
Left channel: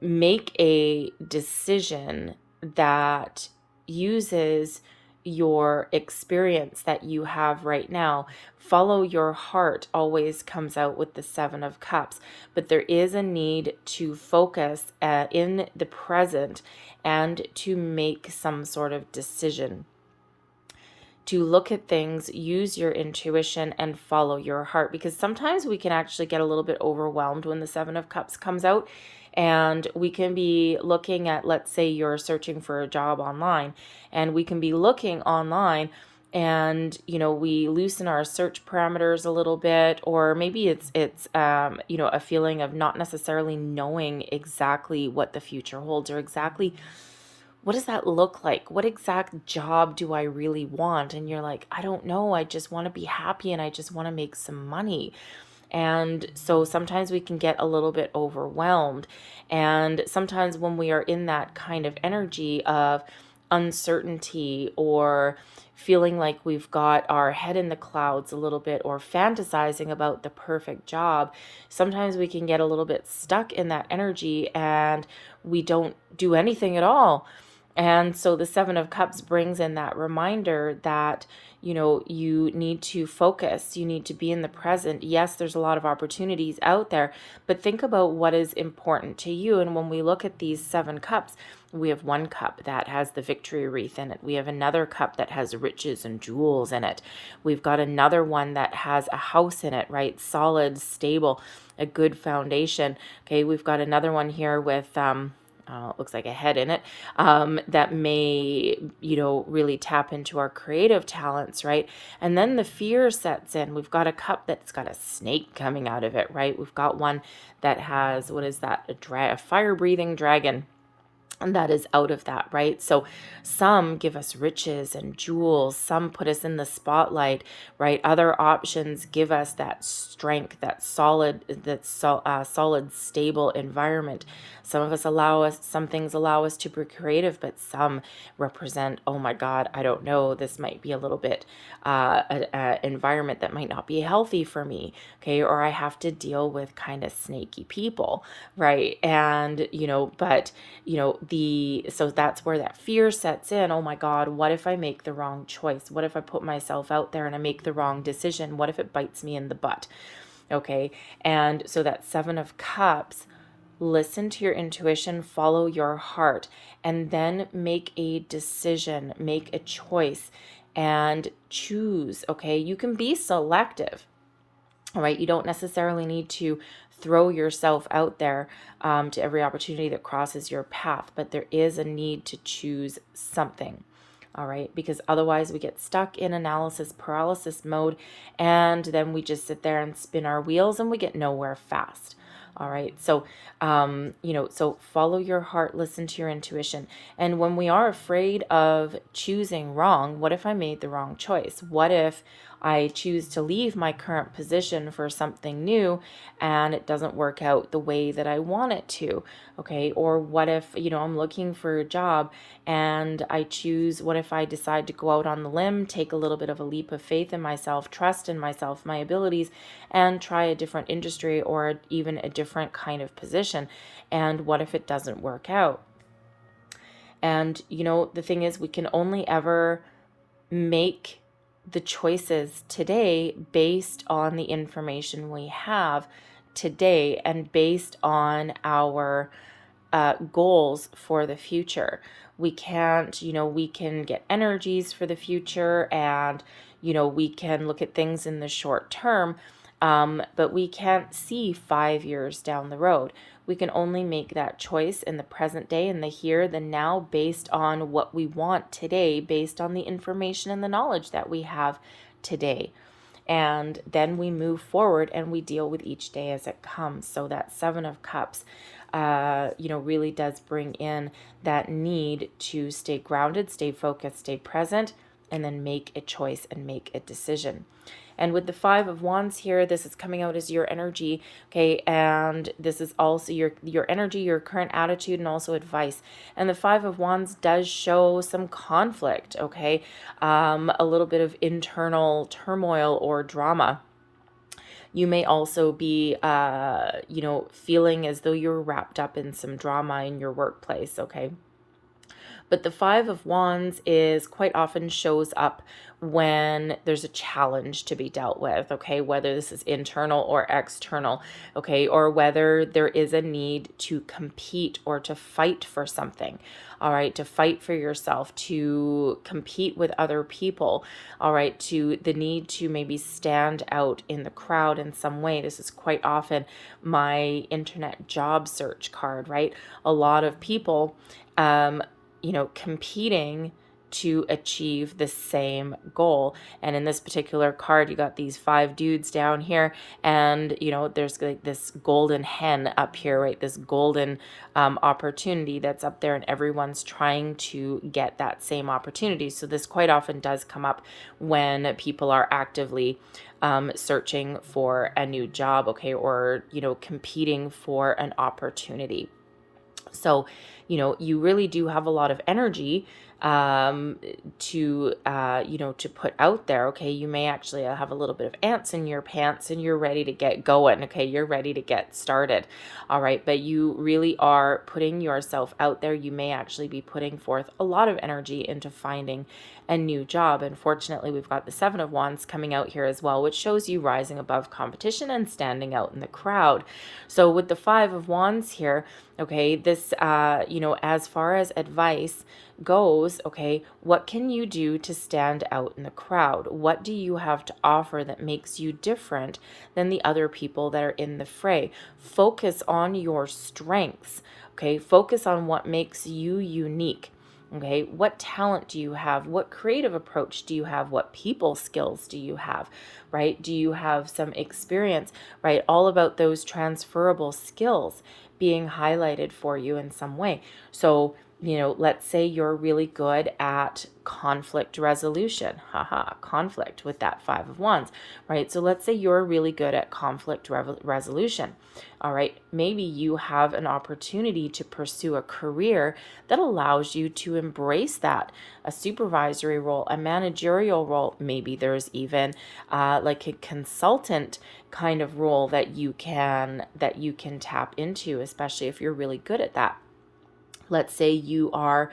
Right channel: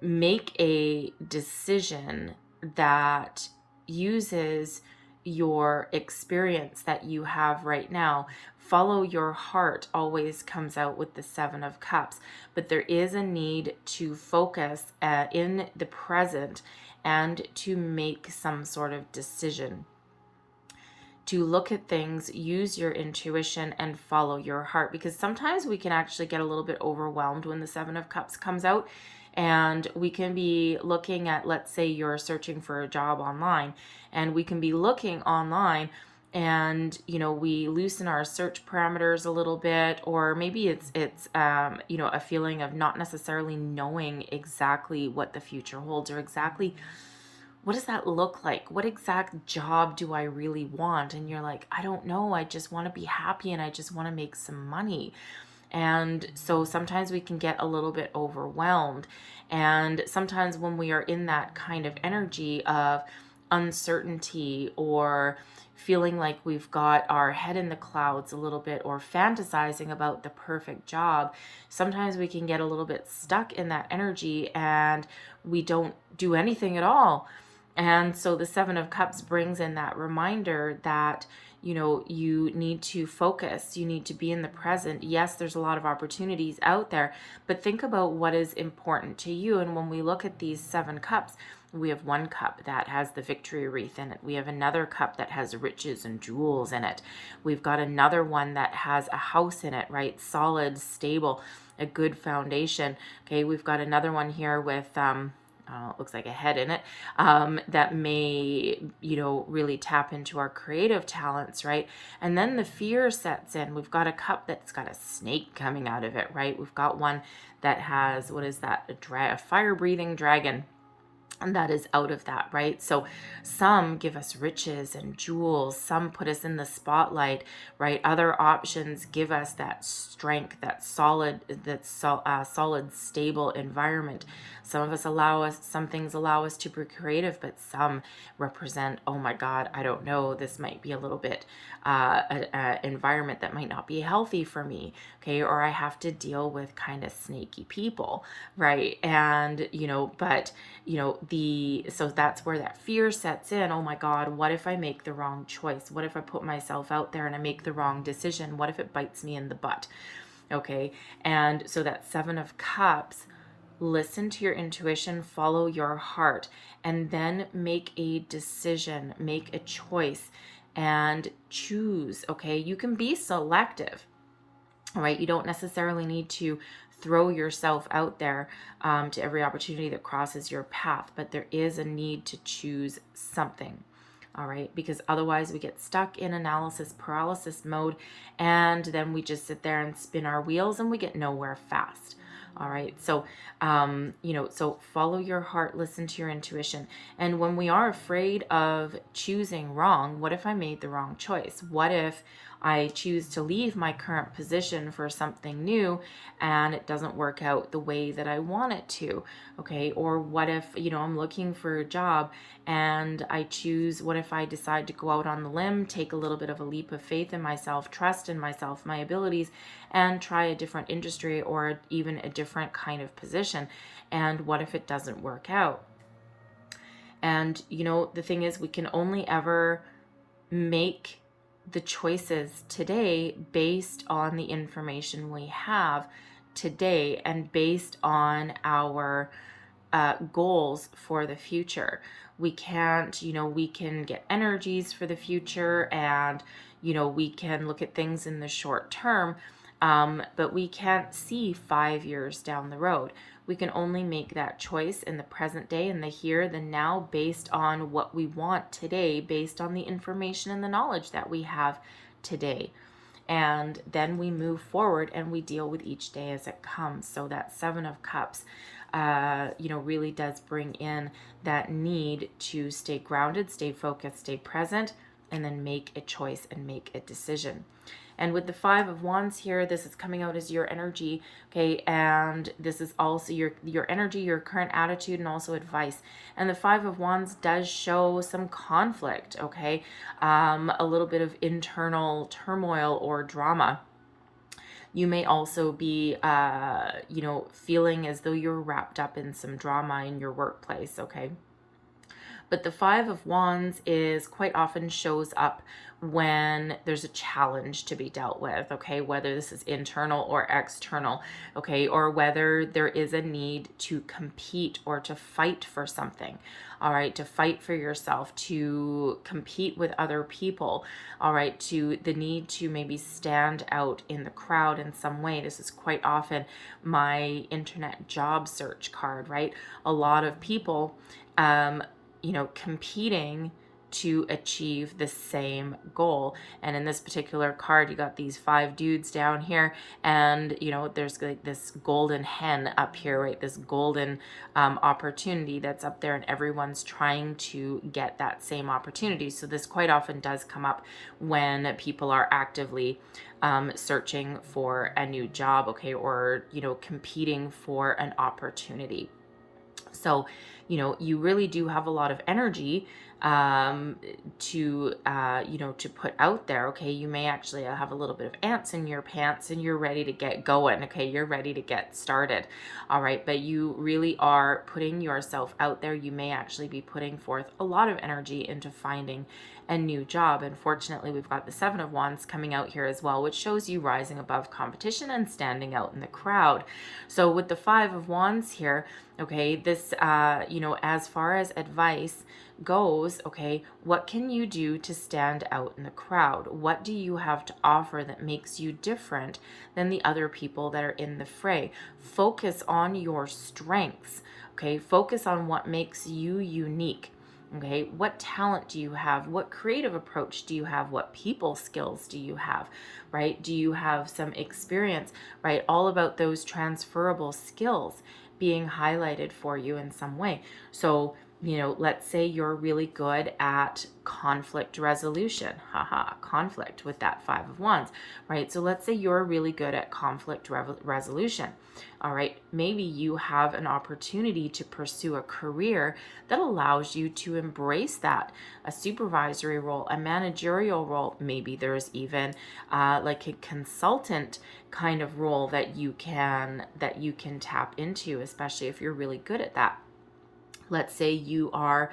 make a decision that uses your experience that you have right now follow your heart always comes out with the Seven of Cups, but there is a need to focus in the present and to make some sort of decision, to look at things, use your intuition, and follow your heart. Because sometimes we can actually get a little bit overwhelmed when the Seven of Cups comes out. And we can be looking at, let's say you're searching for a job online, and we can be looking online and we loosen our search parameters a little bit, or maybe it's a feeling of not necessarily knowing exactly what the future holds, or exactly what does that look like? What exact job do I really want? And you're like, I don't know. I just want to be happy and I just want to make some money. And so sometimes we can get a little bit overwhelmed. And sometimes when we are in that kind of energy of uncertainty, or feeling like we've got our head in the clouds a little bit, or fantasizing about the perfect job, sometimes we can get a little bit stuck in that energy and we don't do anything at all. And so the Seven of Cups brings in that reminder that, you need to focus, you need to be in the present. Yes, there's a lot of opportunities out there, but think about what is important to you. And when we look at these Seven Cups, we have one cup that has the victory wreath in it. We have another cup that has riches and jewels in it. We've got another one that has a house in it, right? Solid, stable, a good foundation. Okay, we've got another one here with it looks like a head in it, that may, really tap into our creative talents, right? And then the fear sets in. We've got a cup that's got a snake coming out of it, right? We've got one that has, what is that? A fire-breathing dragon. And that is out of that, right? So some give us riches and jewels, some put us in the spotlight, right? Other options give us that strength, that solid, stable environment. Some things allow us to be creative, but some represent, oh my God, I don't know, this might be a little bit an environment that might not be healthy for me, okay? Or I have to deal with kind of snaky people, right? And, so that's where that fear sets in. Oh my God, what if I make the wrong choice? What if I put myself out there and I make the wrong decision? What if it bites me in the butt? Okay. And so that Seven of Cups, listen to your intuition, follow your heart, and then make a decision, make a choice, and choose. Okay. You can be selective. All right. You don't necessarily need to throw yourself out there to every opportunity that crosses your path, but there is a need to choose something. All right, because otherwise we get stuck in analysis paralysis mode, and then we just sit there and spin our wheels and we get nowhere fast. All right, so so follow your heart, listen to your intuition. And when we are afraid of choosing wrong, what if I made the wrong choice? What if I choose to leave my current position for something new and it doesn't work out the way that I want it to? Okay. Or what if, I'm looking for a job and what if I decide to go out on the limb, take a little bit of a leap of faith in myself, trust in myself, my abilities, and try a different industry or even a different kind of position? And what if it doesn't work out? And, the thing is, we can only ever make the choices today based on the information we have today and based on our goals for the future. We can't, we can get energies for the future, and, we can look at things in the short term, but we can't see 5 years down the road. We can only make that choice in the present day, in the here, the now, based on what we want today, based on the information and the knowledge that we have today. And then we move forward and we deal with each day as it comes. So that Seven of Cups, really does bring in that need to stay grounded, stay focused, stay present, and then make a choice and make a decision. And with the Five of Wands here, this is coming out as your energy, okay? And this is also your energy, your current attitude, and also advice. And the Five of Wands does show some conflict, okay? A little bit of internal turmoil or drama. You may also be, feeling as though you're wrapped up in some drama in your workplace, okay? But the Five of Wands is quite often shows up when there's a challenge to be dealt with, okay, whether this is internal or external, okay, or whether there is a need to compete or to fight for something, all right, to fight for yourself, to compete with other people, all right, to the need to maybe stand out in the crowd in some way. This is quite often my internet job search card, right? A lot of people, competing to achieve the same goal. And in this particular card, you got these 5 dudes down here, and there's like this golden hen up here, right? This golden opportunity that's up there, and everyone's trying to get that same opportunity. So this quite often does come up when people are actively searching for a new job, okay, or competing for an opportunity. So you really do have a lot of energy to put out there. Okay, you may actually have a little bit of ants in your pants, and you're ready to get going. Okay, you're ready to get started. All right, but you really are putting yourself out there. You may actually be putting forth a lot of energy into finding a new job. And fortunately, we've got the Seven of Wands coming out here as well, which shows you rising above competition and standing out in the crowd. So with the Five of Wands here, okay, this as far as advice goes, okay, what can you do to stand out in the crowd? What do you have to offer that makes you different than the other people that are in the fray? Focus on your strengths, okay? Focus on what makes you unique. Okay, what talent do you have? What creative approach do you have? What people skills do you have, right? Do you have some experience, right? All about those transferable skills being highlighted for you in some way. So, let's say you're really good at conflict resolution. Conflict with that Five of Wands, right? So let's say you're really good at conflict resolution. All right, maybe you have an opportunity to pursue a career that allows you to embrace that, a supervisory role, a managerial role. Maybe there's even like a consultant kind of role that you can tap into, especially if you're really good at that. Let's say you are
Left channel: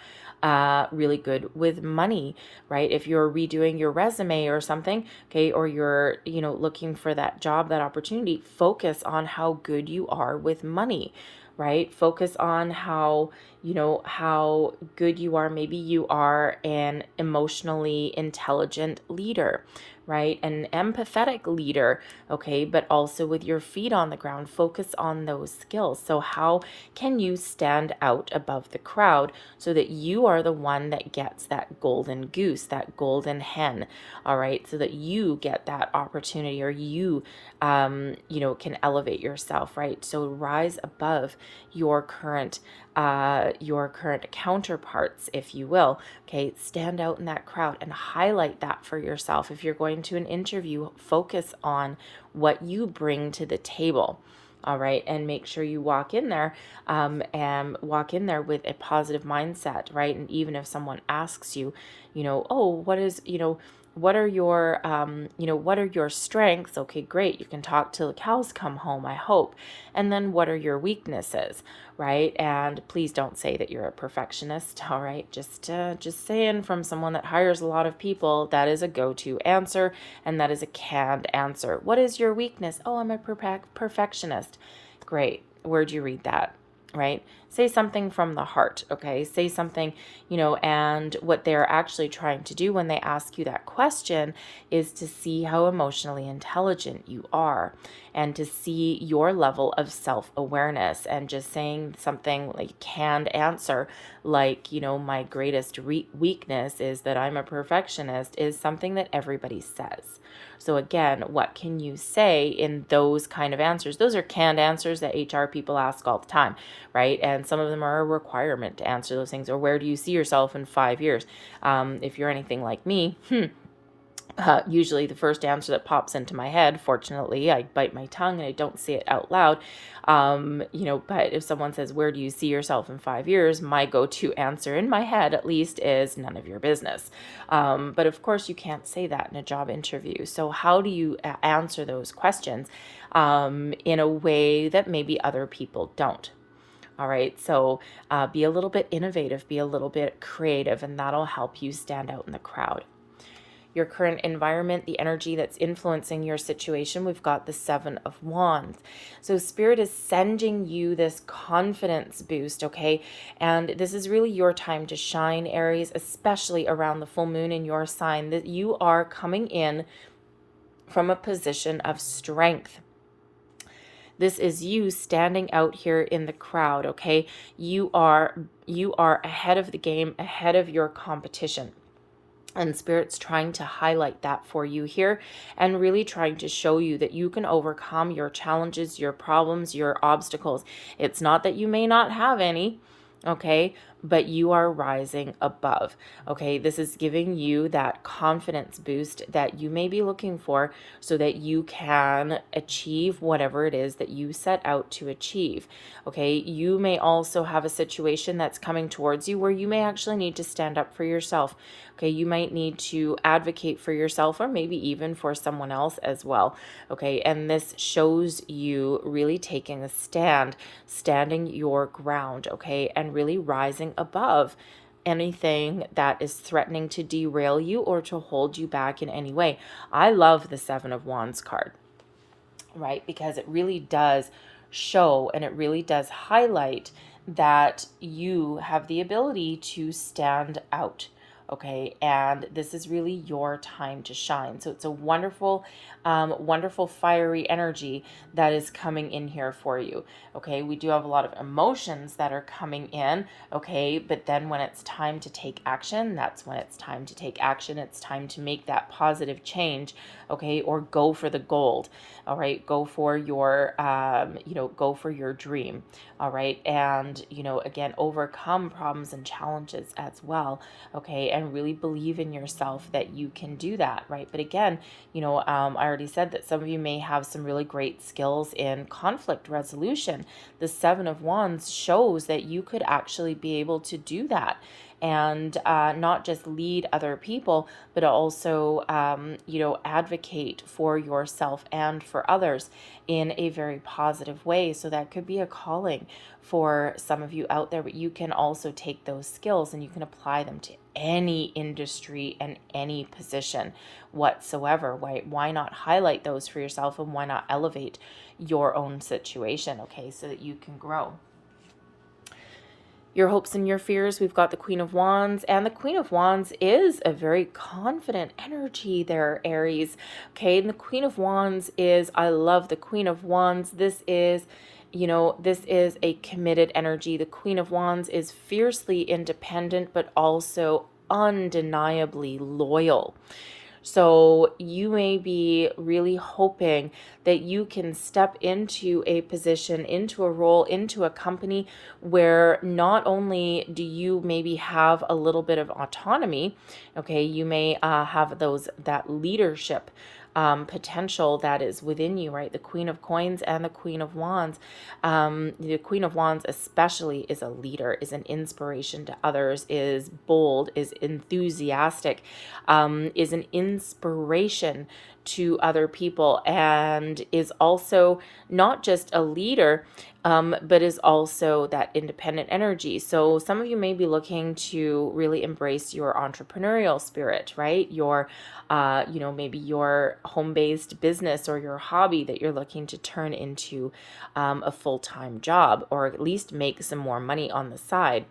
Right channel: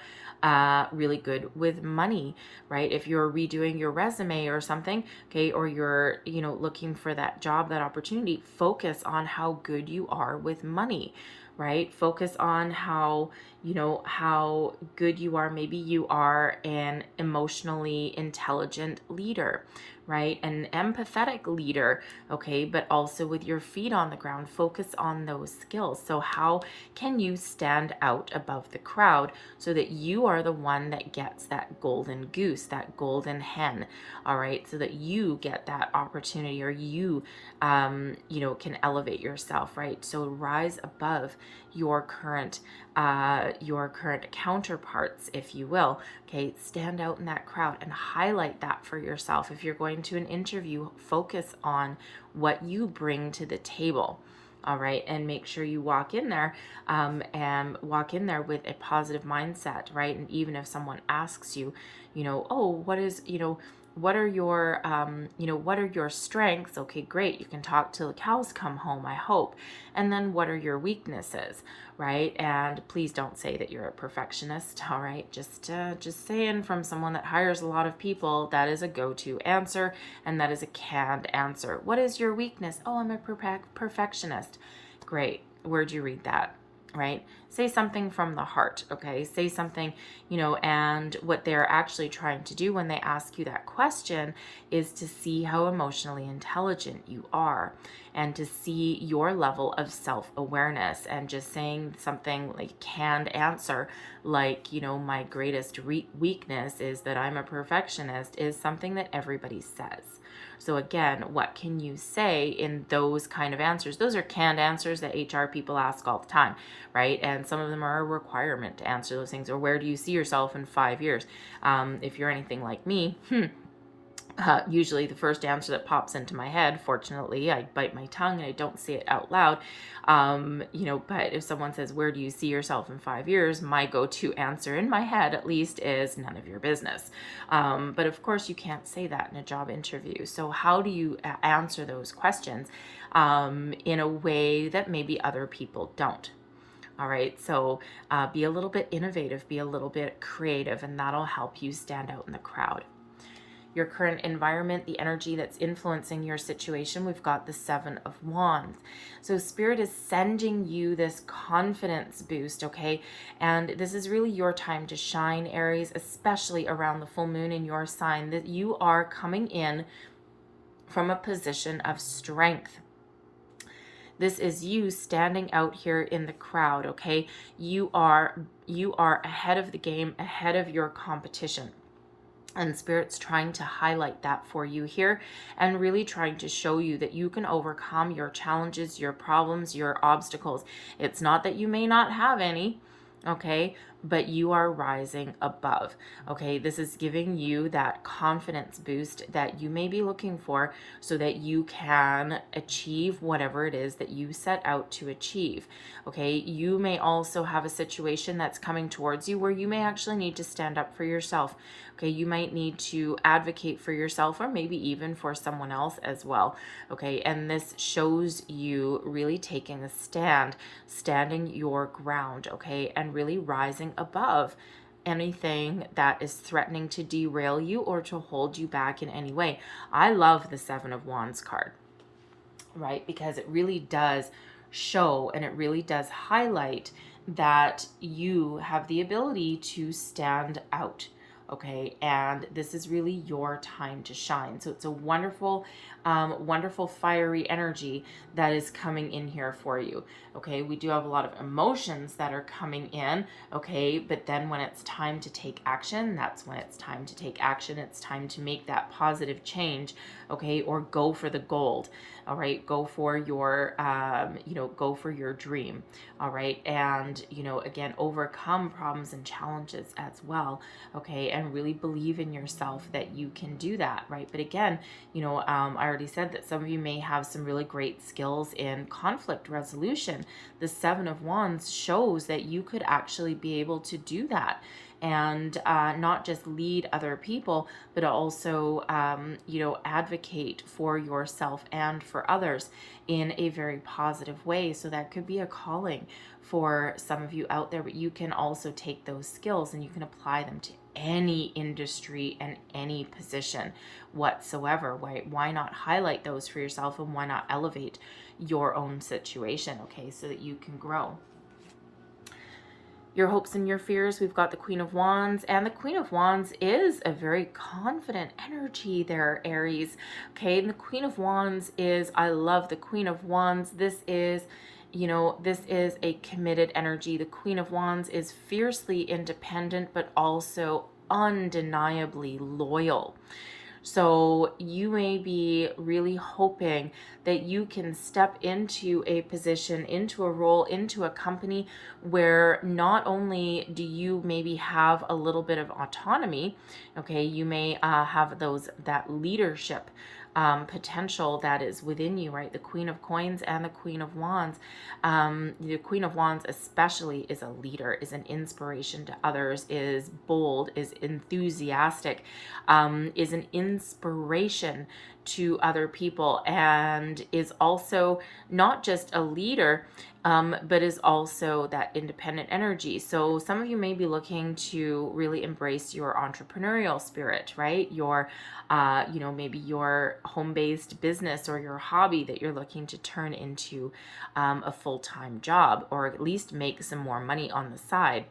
really good with money, right? If you're redoing your resume or something, okay, or you're, looking for that job, that opportunity, focus on how good you are with money, right? Focus on how good you are. Maybe you are an emotionally intelligent leader, right? An empathetic leader, okay, but also with your feet on the ground, focus on those skills. So how can you stand out above the crowd so that you are the one that gets that golden goose, that golden hen, all right, so that you get that opportunity, or you can elevate yourself, right? So rise above your current counterparts, if you will. Okay, stand out in that crowd and highlight that for yourself. If you're going to an interview, focus on what you bring to the table. All right, and make sure you walk in there with a positive mindset, right? And even if someone asks you, oh, what are your strengths? Okay, great. You can talk till the cows come home, I hope. And then what are your weaknesses, right? And please don't say that you're a perfectionist, all right? Just saying, from someone that hires a lot of people, that is a go-to answer, and that is a canned answer. What is your weakness? Oh, I'm a perfectionist. Great. Where'd you read that? Right? Say something from the heart, okay? Say something, and what they're actually trying to do when they ask you that question is to see how emotionally intelligent you are, and to see your level of self-awareness. And just saying something like canned answer, like, my greatest weakness is that I'm a perfectionist, is something that everybody says. So again, what can you say in those kind of answers? Those are canned answers that HR people ask all the time, right? And some of them are a requirement to answer those things. Or where do you see yourself in 5 years? If you're anything like me, usually the first answer that pops into my head, fortunately, I bite my tongue and I don't say it out loud. But if someone says, where do you see yourself in 5 years? My go-to answer in my head, at least, is none of your business. But of course you can't say that in a job interview. So how do you answer those questions in a way that maybe other people don't? All right, so be a little bit innovative, be a little bit creative, and that'll help you stand out in the crowd. Your current environment, the energy that's influencing your situation, we've got the Seven of Wands. So Spirit is sending you this confidence boost, okay? And this is really your time to shine, Aries, especially around the full moon in your sign, that you are coming in from a position of strength. This is you standing out here in the crowd, okay? You are ahead of the game, ahead of your competition. And Spirit's trying to highlight that for you here and really trying to show you that you can overcome your challenges, your problems, your obstacles. It's not that you may not have any, okay, but you are rising above, okay? This is giving you that confidence boost that you may be looking for so that you can achieve whatever it is that you set out to achieve, okay? You may also have a situation that's coming towards you where you may actually need to stand up for yourself. Okay, you might need to advocate for yourself or maybe even for someone else as well. Okay, and this shows you really taking a stand, standing your ground, okay, and really rising above anything that is threatening to derail you or to hold you back in any way. I love the Seven of Wands card, right? Because it really does show and it really does highlight that you have the ability to stand out. Okay, and this is really your time to shine. So it's a wonderful, wonderful fiery energy that is coming in here for you. Okay, we do have a lot of emotions that are coming in. Okay, but then when it's time to take action, that's when it's time to take action. It's time to make that positive change. Okay, or go for the gold. All right, go for your, go for your dream. All right, and again, overcome problems and challenges as well. Okay, and really believe in yourself that you can do that, right? But again, I already said that some of you may have some really great skills in conflict resolution. The Seven of Wands shows that you could actually be able to do that and not just lead other people, but also, advocate for yourself and for others in a very positive way. So that could be a calling for some of you out there, but you can also take those skills and you can apply them to any industry and any position whatsoever. Why not highlight those for yourself, and why not elevate your own situation, okay, so that you can grow? Your hopes and your fears, we've got the Queen of Wands, and the Queen of Wands is a very confident energy there, Aries. Okay, and the Queen of Wands is, I love the Queen of Wands. This is a committed energy. The Queen of Wands is fiercely independent, but also undeniably loyal. So you may be really hoping that you can step into a position, into a role, into a company where not only do you maybe have a little bit of autonomy, okay, you may have that leadership potential that is within you, right? The Queen of Coins and the Queen of Wands. The Queen of Wands especially is a leader, is an inspiration to others, is bold, is enthusiastic, is an inspiration to other people, and is also not just a leader, but is also that independent energy. So some of you may be looking to really embrace your entrepreneurial spirit, right? Your maybe your home-based business or your hobby that you're looking to turn into a full-time job, or at least make some more money on the side.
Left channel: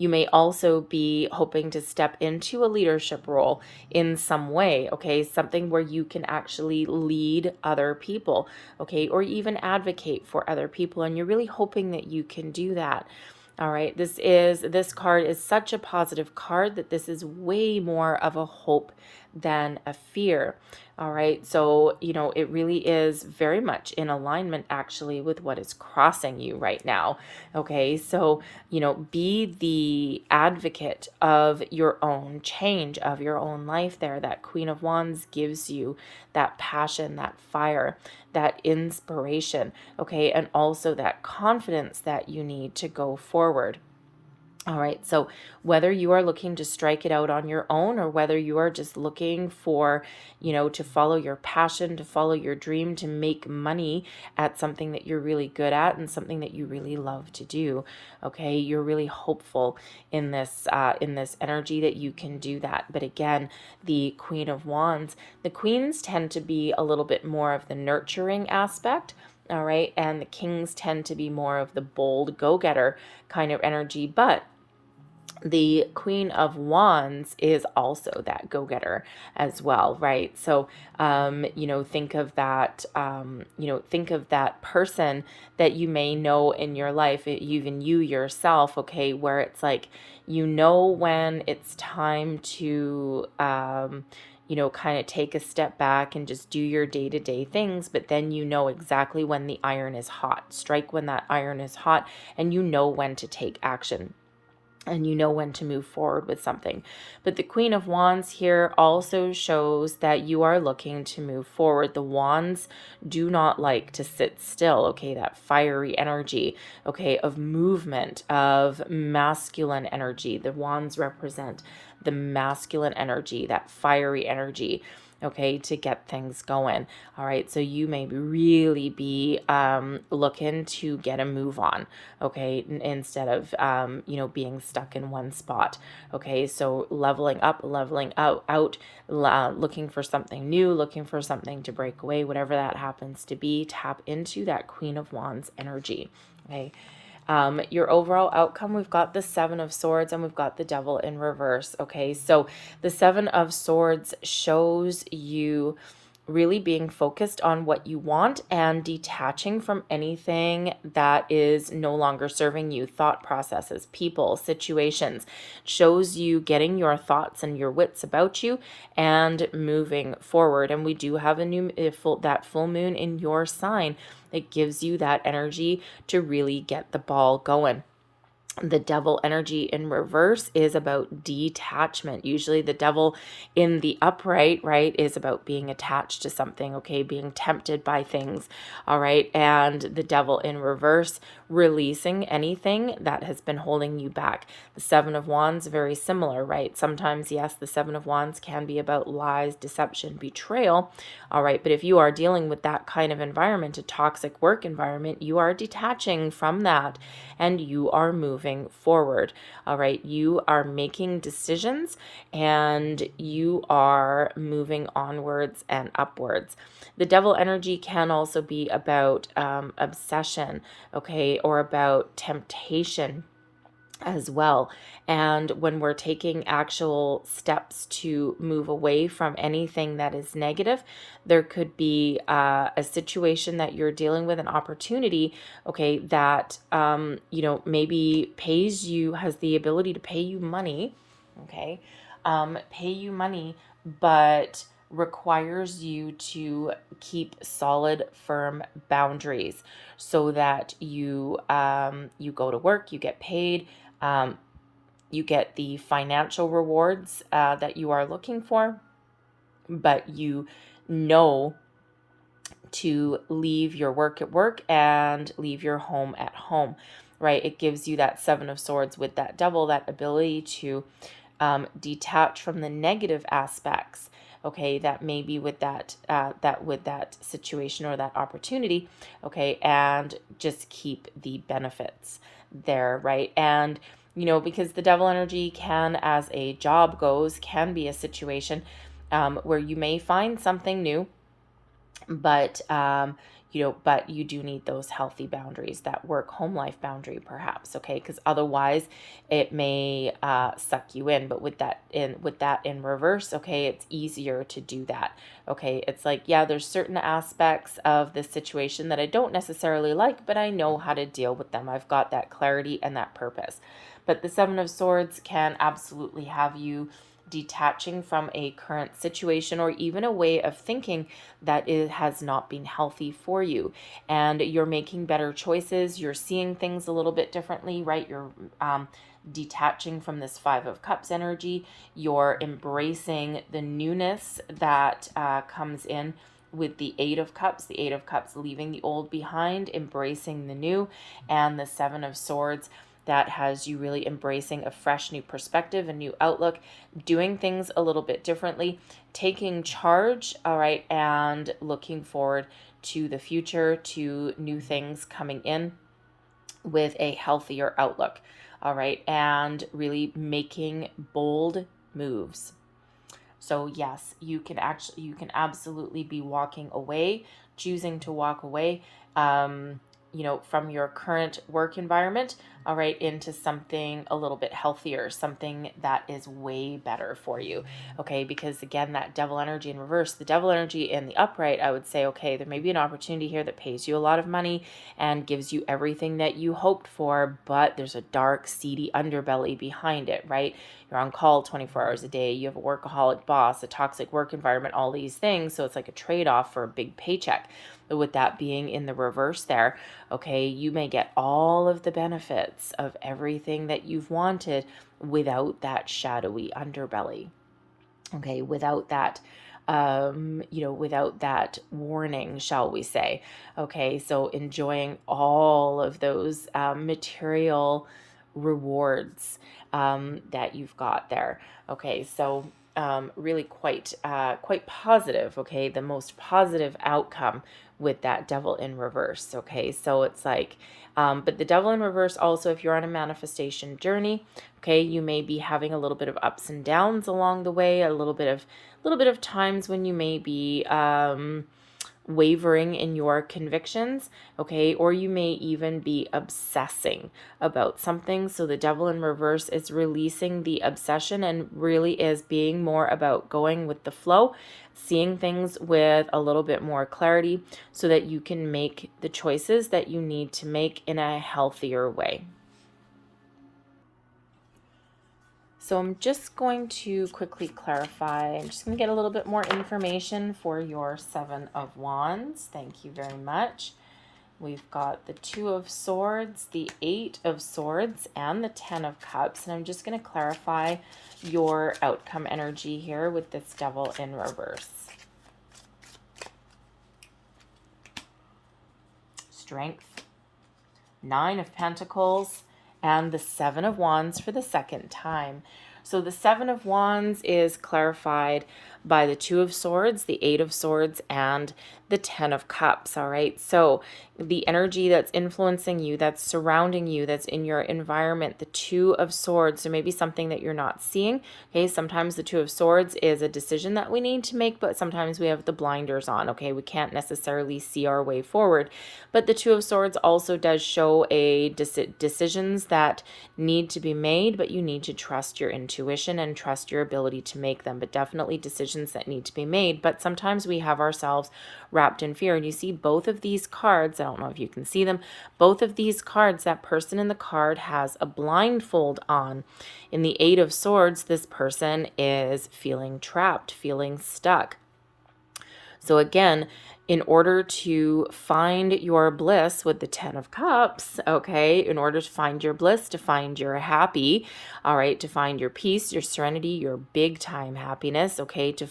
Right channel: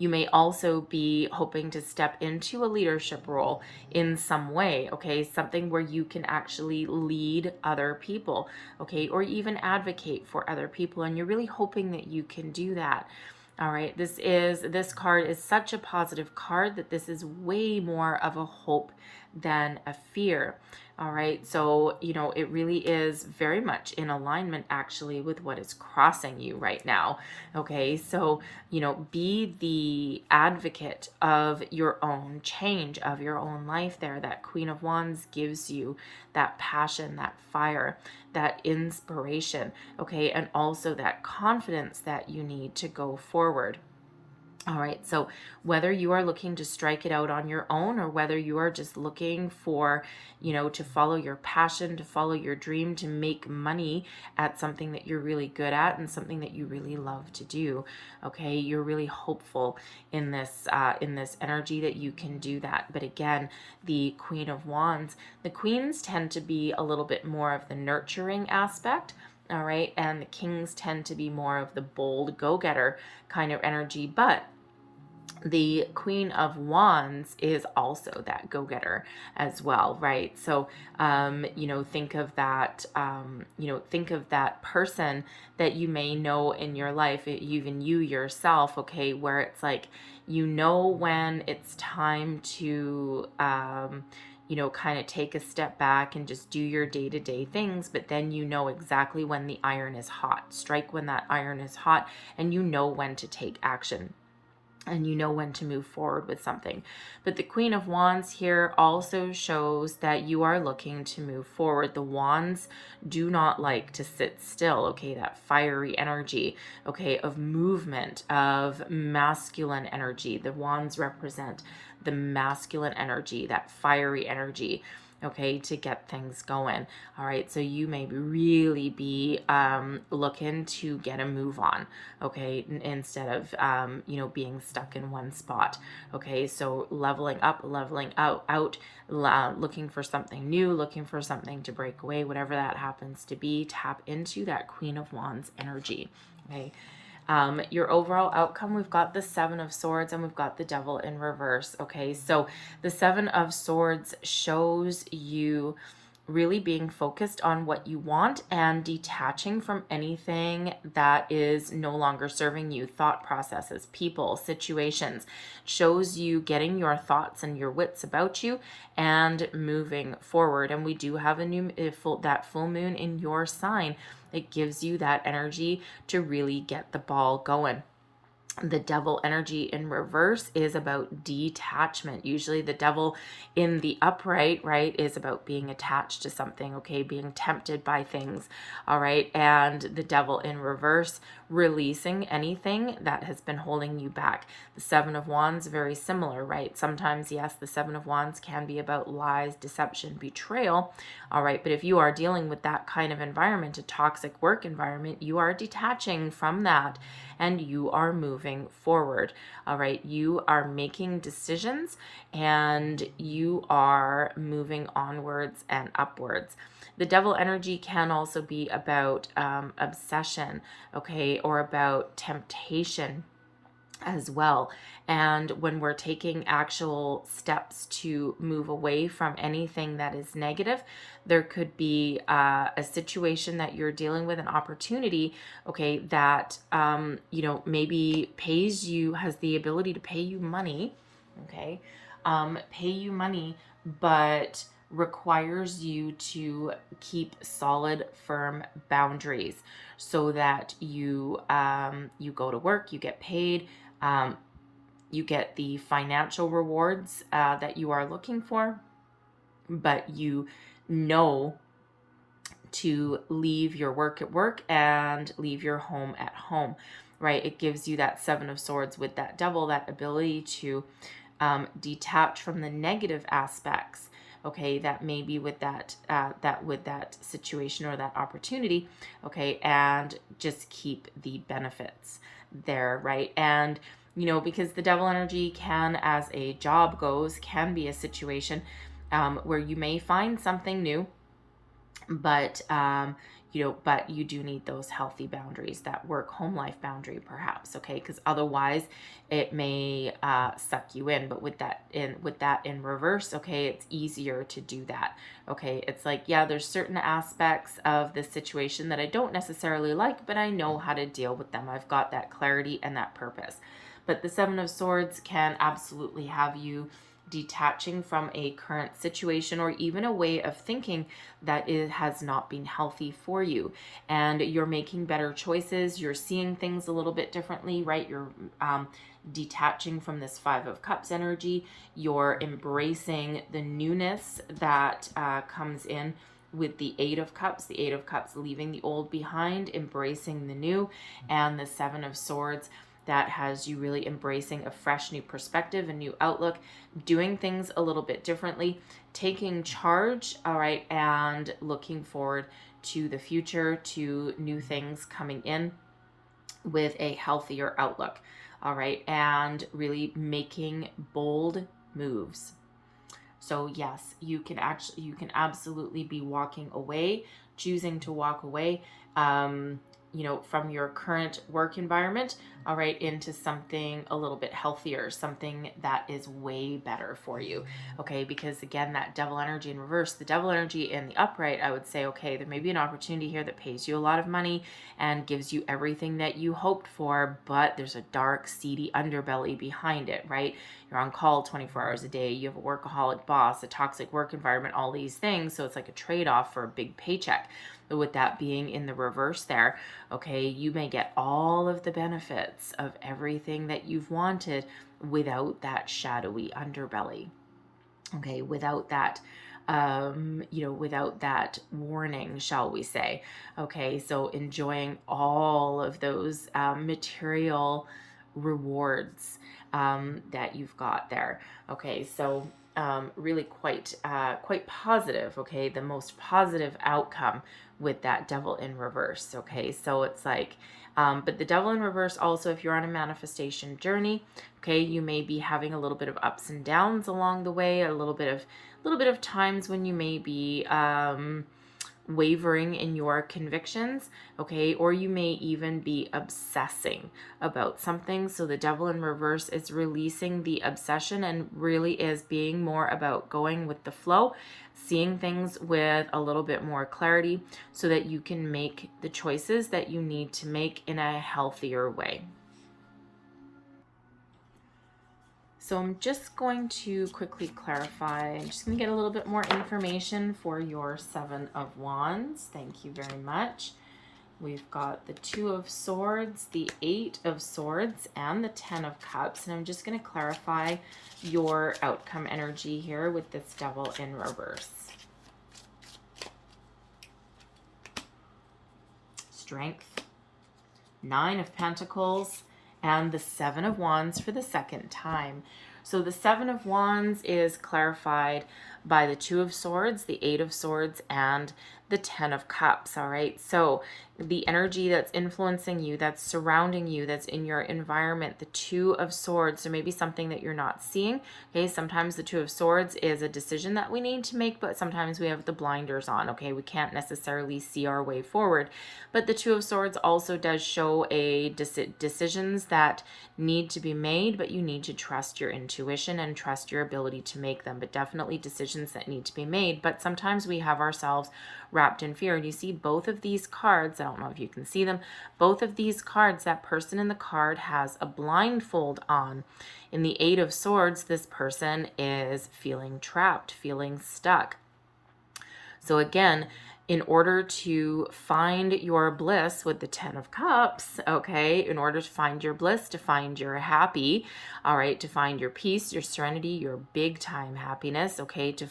You may also be hoping to step into a leadership role in some way, okay? Something where you can actually lead other people, okay? Or even advocate for other people, and you're really hoping that you can do that. All right, this card is such a positive card that this is way more of a hope than a fear. All right, so it really is very much in alignment actually with what is crossing you right now. Okay, so be the advocate of your own change, of your own life there. That Queen of Wands gives you that passion, that fire, that inspiration, okay, and also that confidence that you need to go forward. All right, so whether you are looking to strike it out on your own, or whether you are just looking for, to follow your passion, to follow your dream, to make money at something that you're really good at and something that you really love to do, okay, you're really hopeful in this energy that you can do that. But again, the Queen of Wands, the queens tend to be a little bit more of the nurturing aspect. All right, and the kings tend to be more of the bold go-getter kind of energy, but the Queen of Wands is also that go-getter as well, right? So, think of that, think of that person that you may know in your life, even you yourself, okay, where it's like, when it's time to, kind of take a step back and just do your day-to-day things, but then you know exactly when the iron is hot. Strike when that iron is hot, and you know when to take action, and you know when to move forward with something. But the Queen of Wands here also shows that you are looking to move forward. The wands do not like to sit still, okay? That fiery energy, okay, of movement, of masculine energy. The wands represent the masculine energy, that fiery energy, okay, to get things going. All right, so you may really be looking to get a move on, okay, instead of being stuck in one spot. Okay, so leveling up, leveling out, looking for something new, looking for something to break away, whatever that happens to be. Tap into that Queen of Wands energy. Okay. Your overall outcome, we've got the Seven of Swords and we've got the Devil in reverse. Okay, so the Seven of Swords shows you really being focused on what you want and detaching from anything that is no longer serving you. Thought processes, people, situations. Shows you getting your thoughts and your wits about you and moving forward. And we do have that full moon in your sign. It gives you that energy to really get the ball going. The Devil energy in reverse is about detachment. Usually the Devil in the upright, right, is about being attached to something, okay, being tempted by things, all right, and the Devil in reverse, releasing anything that has been holding you back. The Seven of Wands, very similar, right? Sometimes, yes, the Seven of Wands can be about lies, deception, betrayal, all right, but if you are dealing with that kind of environment, a toxic work environment, you are detaching from that and you are moving forward. All right, you are making decisions and you are moving onwards and upwards. The Devil energy can also be about obsession, okay, or about temptation as well. And when we're taking actual steps to move away from anything that is negative, there could be a situation that you're dealing with, an opportunity, okay, that, maybe pays you, has the ability to pay you money, okay, pay you money, but requires you to keep solid, firm boundaries so that you go to work, you get paid, you get the financial rewards that you are looking for, but you know to leave your work at work and leave your home at home, right? It gives you that Seven of Swords with that Devil, that ability to detach from the negative aspects, okay, that may be with that situation or that opportunity, okay, and just keep the benefits there, right? And because the Devil energy can, as a job goes, can be a situation where you may find something new, but but you do need those healthy boundaries, that work home life boundary perhaps, okay, because otherwise it may suck you in. But with that in reverse, okay, it's easier to do that, okay. It's like, yeah, there's certain aspects of this situation that I don't necessarily like, but I know how to deal with them. I've got that clarity and that purpose. But the Seven of Swords can absolutely have you detaching from a current situation or even a way of thinking that it has not been healthy for you, and you're making better choices. You're seeing things a little bit differently, right? You're detaching from this Five of Cups energy. You're embracing the newness that comes in with the Eight of Cups. The Eight of Cups leaving the old behind, embracing the new, and the Seven of Swords, that has you really embracing a fresh new perspective, a new outlook, doing things a little bit differently, taking charge, all right, and looking forward to the future, to new things coming in with a healthier outlook, all right, and really making bold moves. So yes, you can absolutely be walking away, choosing to walk away, from your current work environment, all right, into something a little bit healthier, something that is way better for you. Okay, because again, that devil energy in reverse, the devil energy in the upright, I would say, okay, there may be an opportunity here that pays you a lot of money and gives you everything that you hoped for, but there's a dark, seedy underbelly behind it, right? You're on call 24 hours a day, you have a workaholic boss, a toxic work environment, all these things. So it's like a trade-off for a big paycheck. But with that being in the reverse there, okay, you may get all of the benefits of everything that you've wanted without that shadowy underbelly. Okay, without that without that warning, shall we say. Okay, so enjoying all of those material rewards that you've got there. Okay, so really quite positive. Okay, the most positive outcome with that devil in reverse. Okay, so it's like, but the devil in reverse also, if you're on a manifestation journey, okay, you may be having a little bit of ups and downs along the way, a little bit of times when you may be wavering in your convictions, okay, or you may even be obsessing about something. So the devil in reverse is releasing the obsession and really is being more about going with the flow, seeing things with a little bit more clarity so that you can make the choices that you need to make in a healthier way. So I'm just going to quickly clarify. I'm just going to get a little bit more information for your Seven of Wands. Thank you very much. We've got the Two of Swords, the Eight of Swords, and the Ten of Cups. And I'm just going to clarify your outcome energy here with this devil in reverse. Strength, Nine of Pentacles, and the Seven of Wands for the second time. So the Seven of Wands is clarified by the Two of Swords, the Eight of Swords, and the Ten of Cups, all right? So the energy that's influencing you, that's surrounding you, that's in your environment, the Two of Swords, so maybe something that you're not seeing, okay? Sometimes the Two of Swords is a decision that we need to make, but sometimes we have the blinders on, okay? We can't necessarily see our way forward. But the Two of Swords also does show a decisions that need to be made, but you need to trust your intuition and trust your ability to make them, but definitely decisions that need to be made. But sometimes we have ourselves wrapped in fear. And you see both of these cards, I don't know if you can see them, both of these cards, that person in the card has a blindfold on. In the Eight of Swords, this person is feeling trapped, feeling stuck. So again, in order to find your bliss with the Ten of Cups, okay, in order to find your bliss, to find your happy, all right, to find your peace, your serenity, your big time happiness, okay, to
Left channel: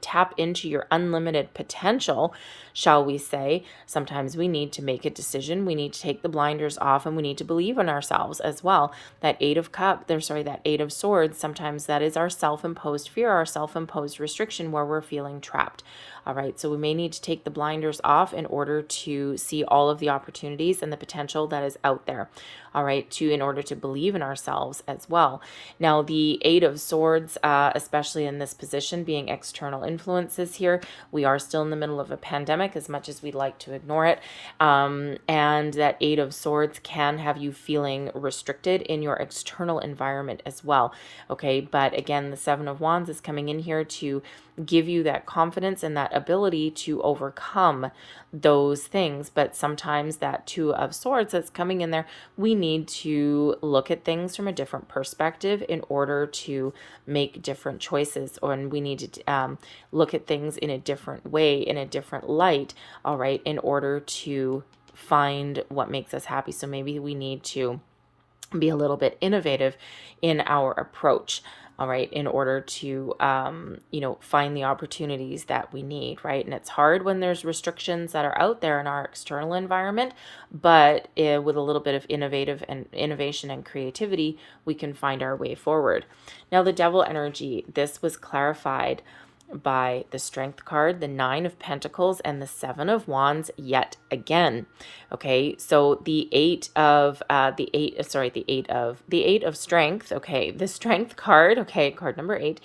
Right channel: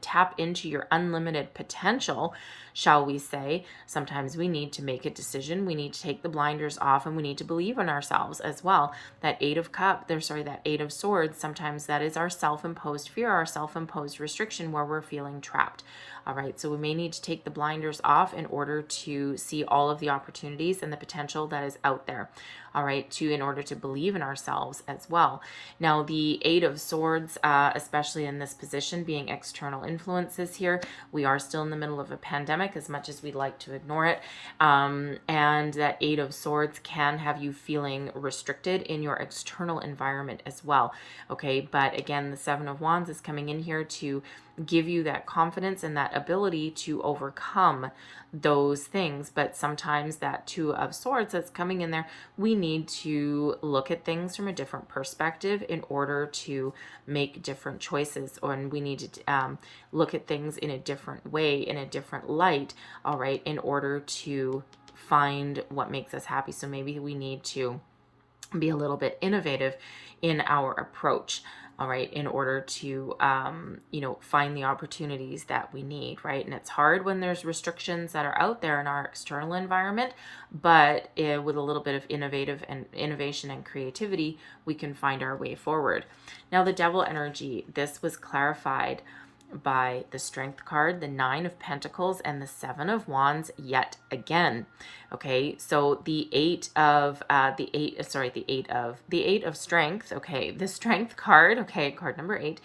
tap into your unlimited potential, shall we say, sometimes we need to make a decision. We need to take the blinders off and we need to believe in ourselves as well. That Eight of Swords, sometimes that is our self-imposed fear, our self-imposed restriction where we're feeling trapped. All right, so we may need to take the blinders off in order to see all of the opportunities and the potential that is out there. All right, in order to believe in ourselves as well. Now, the Eight of Swords, especially in this position, being external influences here, we are still in the middle of a pandemic as much as we'd like to ignore it. And that Eight of Swords can have you feeling restricted in your external environment as well. Okay, but again, the Seven of Wands is coming in here to give you that confidence and that ability to overcome those things. But sometimes that Two of Swords that's coming in there, we need to look at things from a different perspective in order to make different choices, and we need to look at things in a different way, in a different light, all right, in order to find what makes us happy. So maybe we need to be a little bit innovative in our approach. all right, in order to, find the opportunities that we need, right? And it's hard when there's restrictions that are out there in our external environment, but with a little bit of innovation and creativity, we can find our way forward. Now, the devil energy, this was clarified by the Strength card, the Nine of Pentacles, and the Seven of Wands yet again. Okay, so the Eight of Strength. Okay, the Strength card. Okay, card number 8.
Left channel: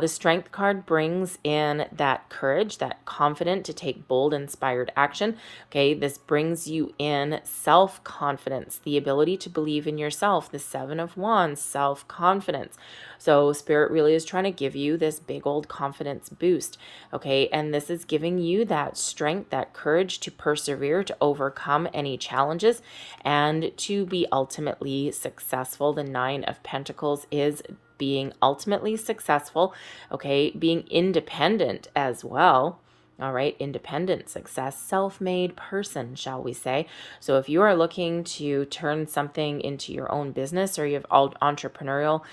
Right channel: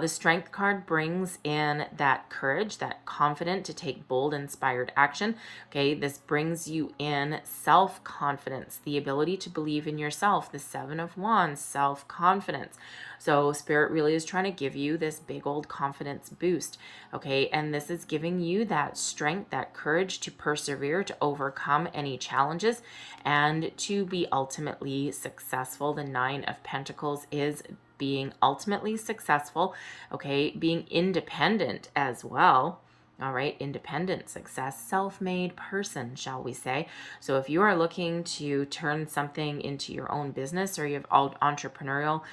The Strength card brings in that courage, that confident to take bold, inspired action. Okay, this brings you in self-confidence, the ability to believe in yourself. The Seven of Wands, self-confidence. So Spirit really is trying to give you this big old confidence boost, okay? And this is giving you that strength, that courage to persevere, to overcome any challenges, and to be ultimately successful. The Nine of Pentacles is being ultimately successful, okay? Being independent as well. All right, independent success, self-made person, shall we say. So if you are looking to turn something into your own business, or you have entrepreneurial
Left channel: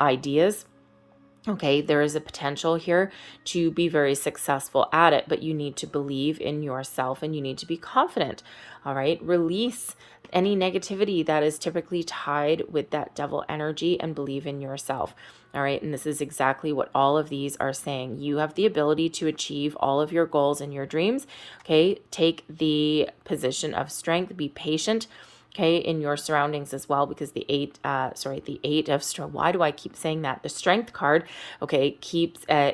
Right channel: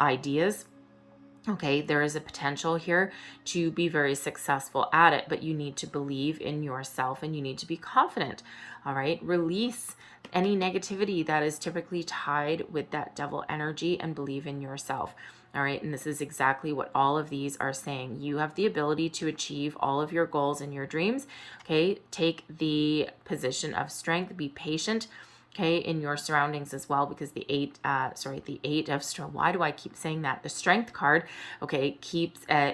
ideas, okay, there is a potential here to be very successful at it, but you need to believe in yourself and you need to be confident. All right, release any negativity that is typically tied with that devil energy and believe in yourself. All right, and this is exactly what all of these are saying. You have the ability to achieve all of your goals and your dreams. Okay, take the position of strength, be patient, okay, in your surroundings as well, because the eight of strength, why do I keep saying that? The Strength card, okay,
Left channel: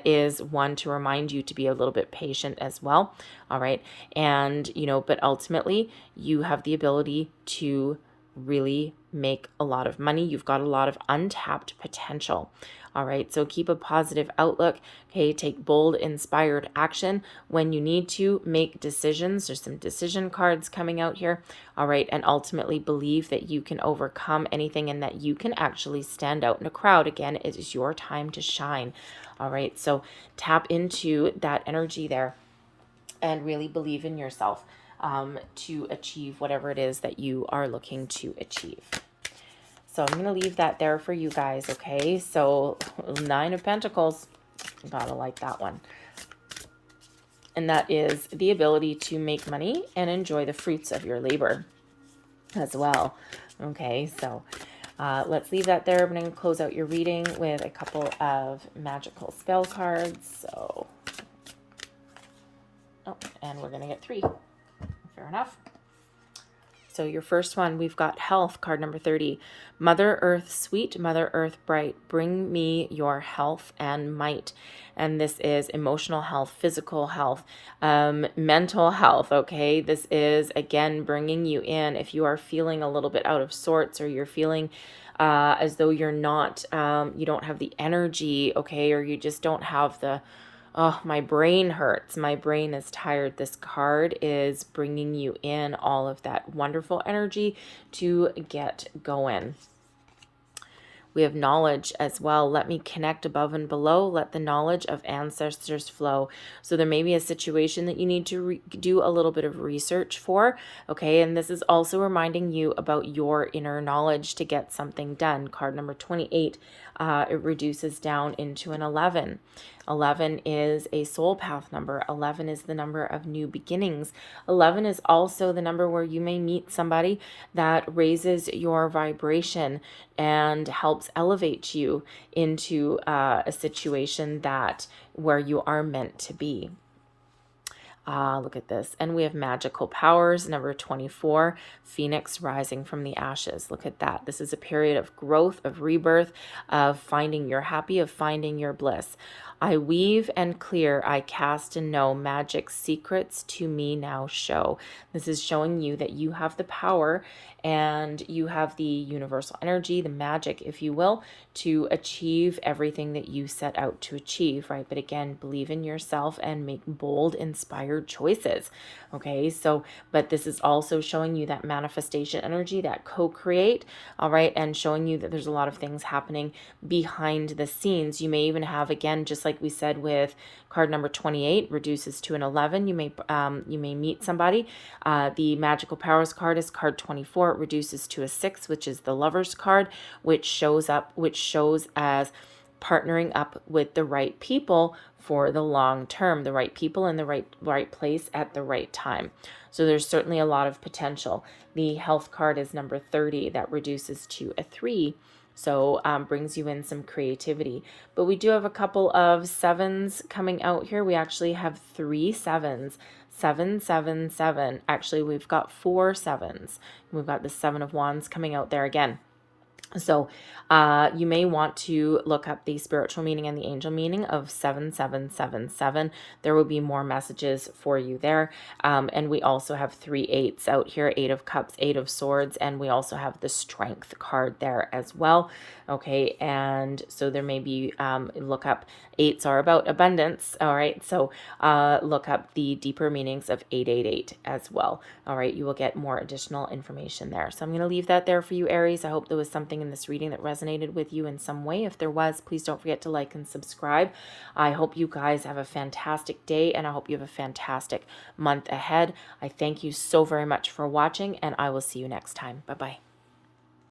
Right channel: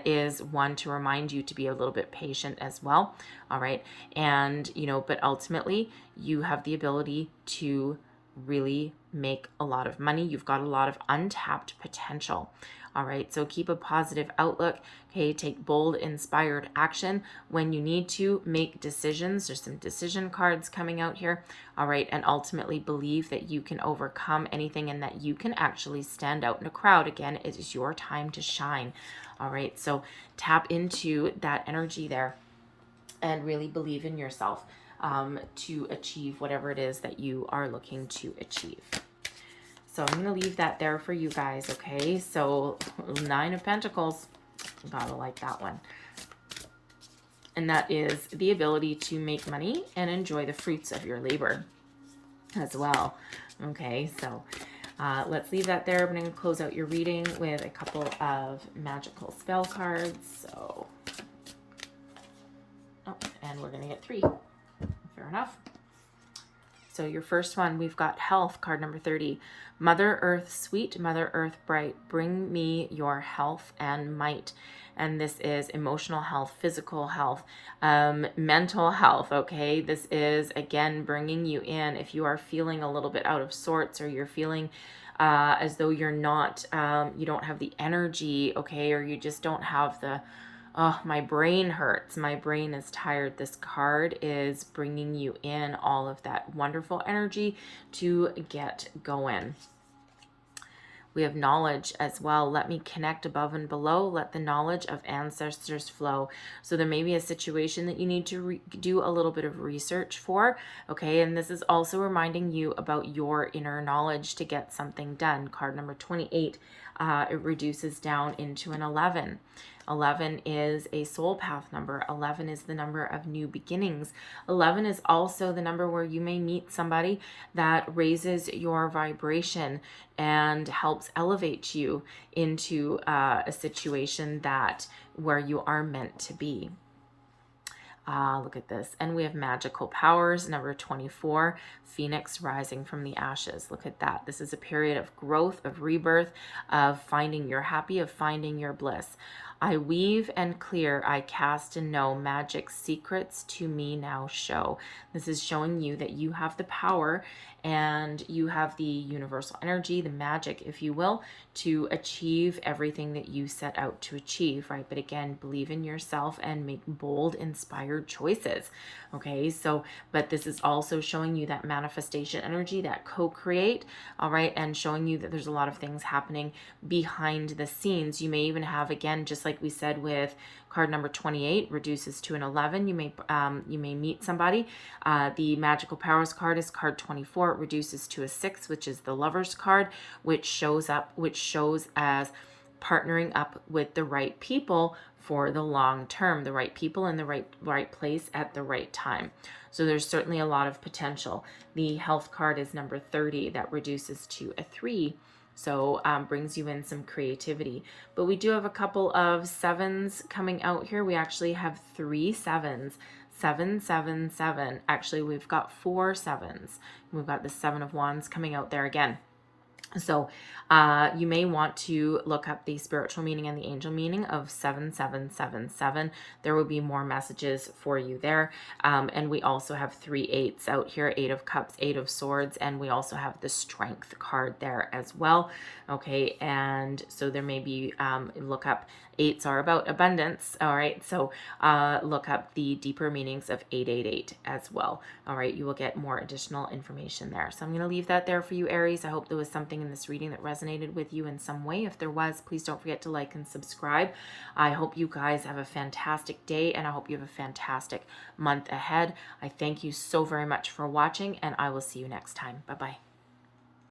is one to remind you to be a little bit patient as well. All right, and but ultimately you have the ability to really make a lot of money. You've got a lot of untapped potential. All right, so keep a positive outlook. Okay, take bold, inspired action when you need to make decisions. There's some decision cards coming out here. All right, and ultimately believe that you can overcome anything and that you can actually stand out in a crowd. Again, it is your time to shine. All right, so tap into that energy there and really believe in yourself to achieve whatever it is that you are looking to achieve. So I'm going to leave that there for you guys, okay? So Nine of Pentacles, gotta like that one. And that is the ability to make money and enjoy the fruits of your labor as well. Okay, so let's leave that there. I'm going to close out your reading with a couple of magical spell cards. So, and we're going to get 3. Fair enough. So your first one, we've got health, card number 30. Mother Earth, sweet Mother Earth bright, bring me your health and might. And this is emotional health, physical health, mental health, okay? This is, again, bringing you in. If you are feeling a little bit out of sorts, or you're feeling as though you're not, you don't have the energy, okay? Or you just don't have the, oh, my brain hurts, my brain is tired. This card is bringing you in all of that wonderful energy to get going. We have knowledge as well. Let me connect above and below. Let the knowledge of ancestors flow. So there may be a situation that you need to do a little bit of research for. Okay, and this is also reminding you about your inner knowledge to get something done. Card number 28, it reduces down into an 11. 11 is a soul path number. 11 is the number of new beginnings. 11 is also the number where you may meet somebody that raises your vibration and helps elevate you into a situation where you are meant to be. Look at this. And we have magical powers, number 24, Phoenix rising from the ashes. Look at that. This is a period of growth, of rebirth, of finding your happy, of finding your bliss. I weave and clear, I cast and know, magic secrets to me now show. This is showing you that you have the power and you have the universal energy, the magic, if you will, to achieve everything that you set out to achieve, right? But again, believe in yourself and make bold, inspired choices. Okay, so, but this is also showing you that manifestation energy, that co-create, all right, and showing you that there's a lot of things happening behind the scenes. You may even have, again, just like we said with card number 28, reduces to an 11. You may meet somebody. The Magical Powers card is card 24. It reduces to a 6, which is the Lover's card, which shows as partnering up with the right people for the long term, the right people in the right place at the right time. So there's certainly a lot of potential. The Health card is number 30. That reduces to a 3. So brings you in some creativity. But we do have a couple of 7s coming out here. We actually have 3 7s. 7, 7, 7. Actually, we've got 4 7s. We've got the 7 of Wands coming out there again. So you may want to look up the spiritual meaning and the angel meaning of 7777. There will be more messages for you there. And we also have 3 8s out here, 8 of Cups, 8 of Swords, and we also have the Strength card there as well. Okay, and so there may be, look up, 8s are about abundance. All right, so look up the deeper meanings of 888 as well. All right, you will get more additional information there. So I'm going to leave that there for you, Aries. I hope there was something in this reading that resonated with you in some way. If there was, please don't forget to like and subscribe. I hope you guys have a fantastic day, and I hope you have a fantastic month ahead. I thank you so very much for watching, and I will see you next time. Bye-bye.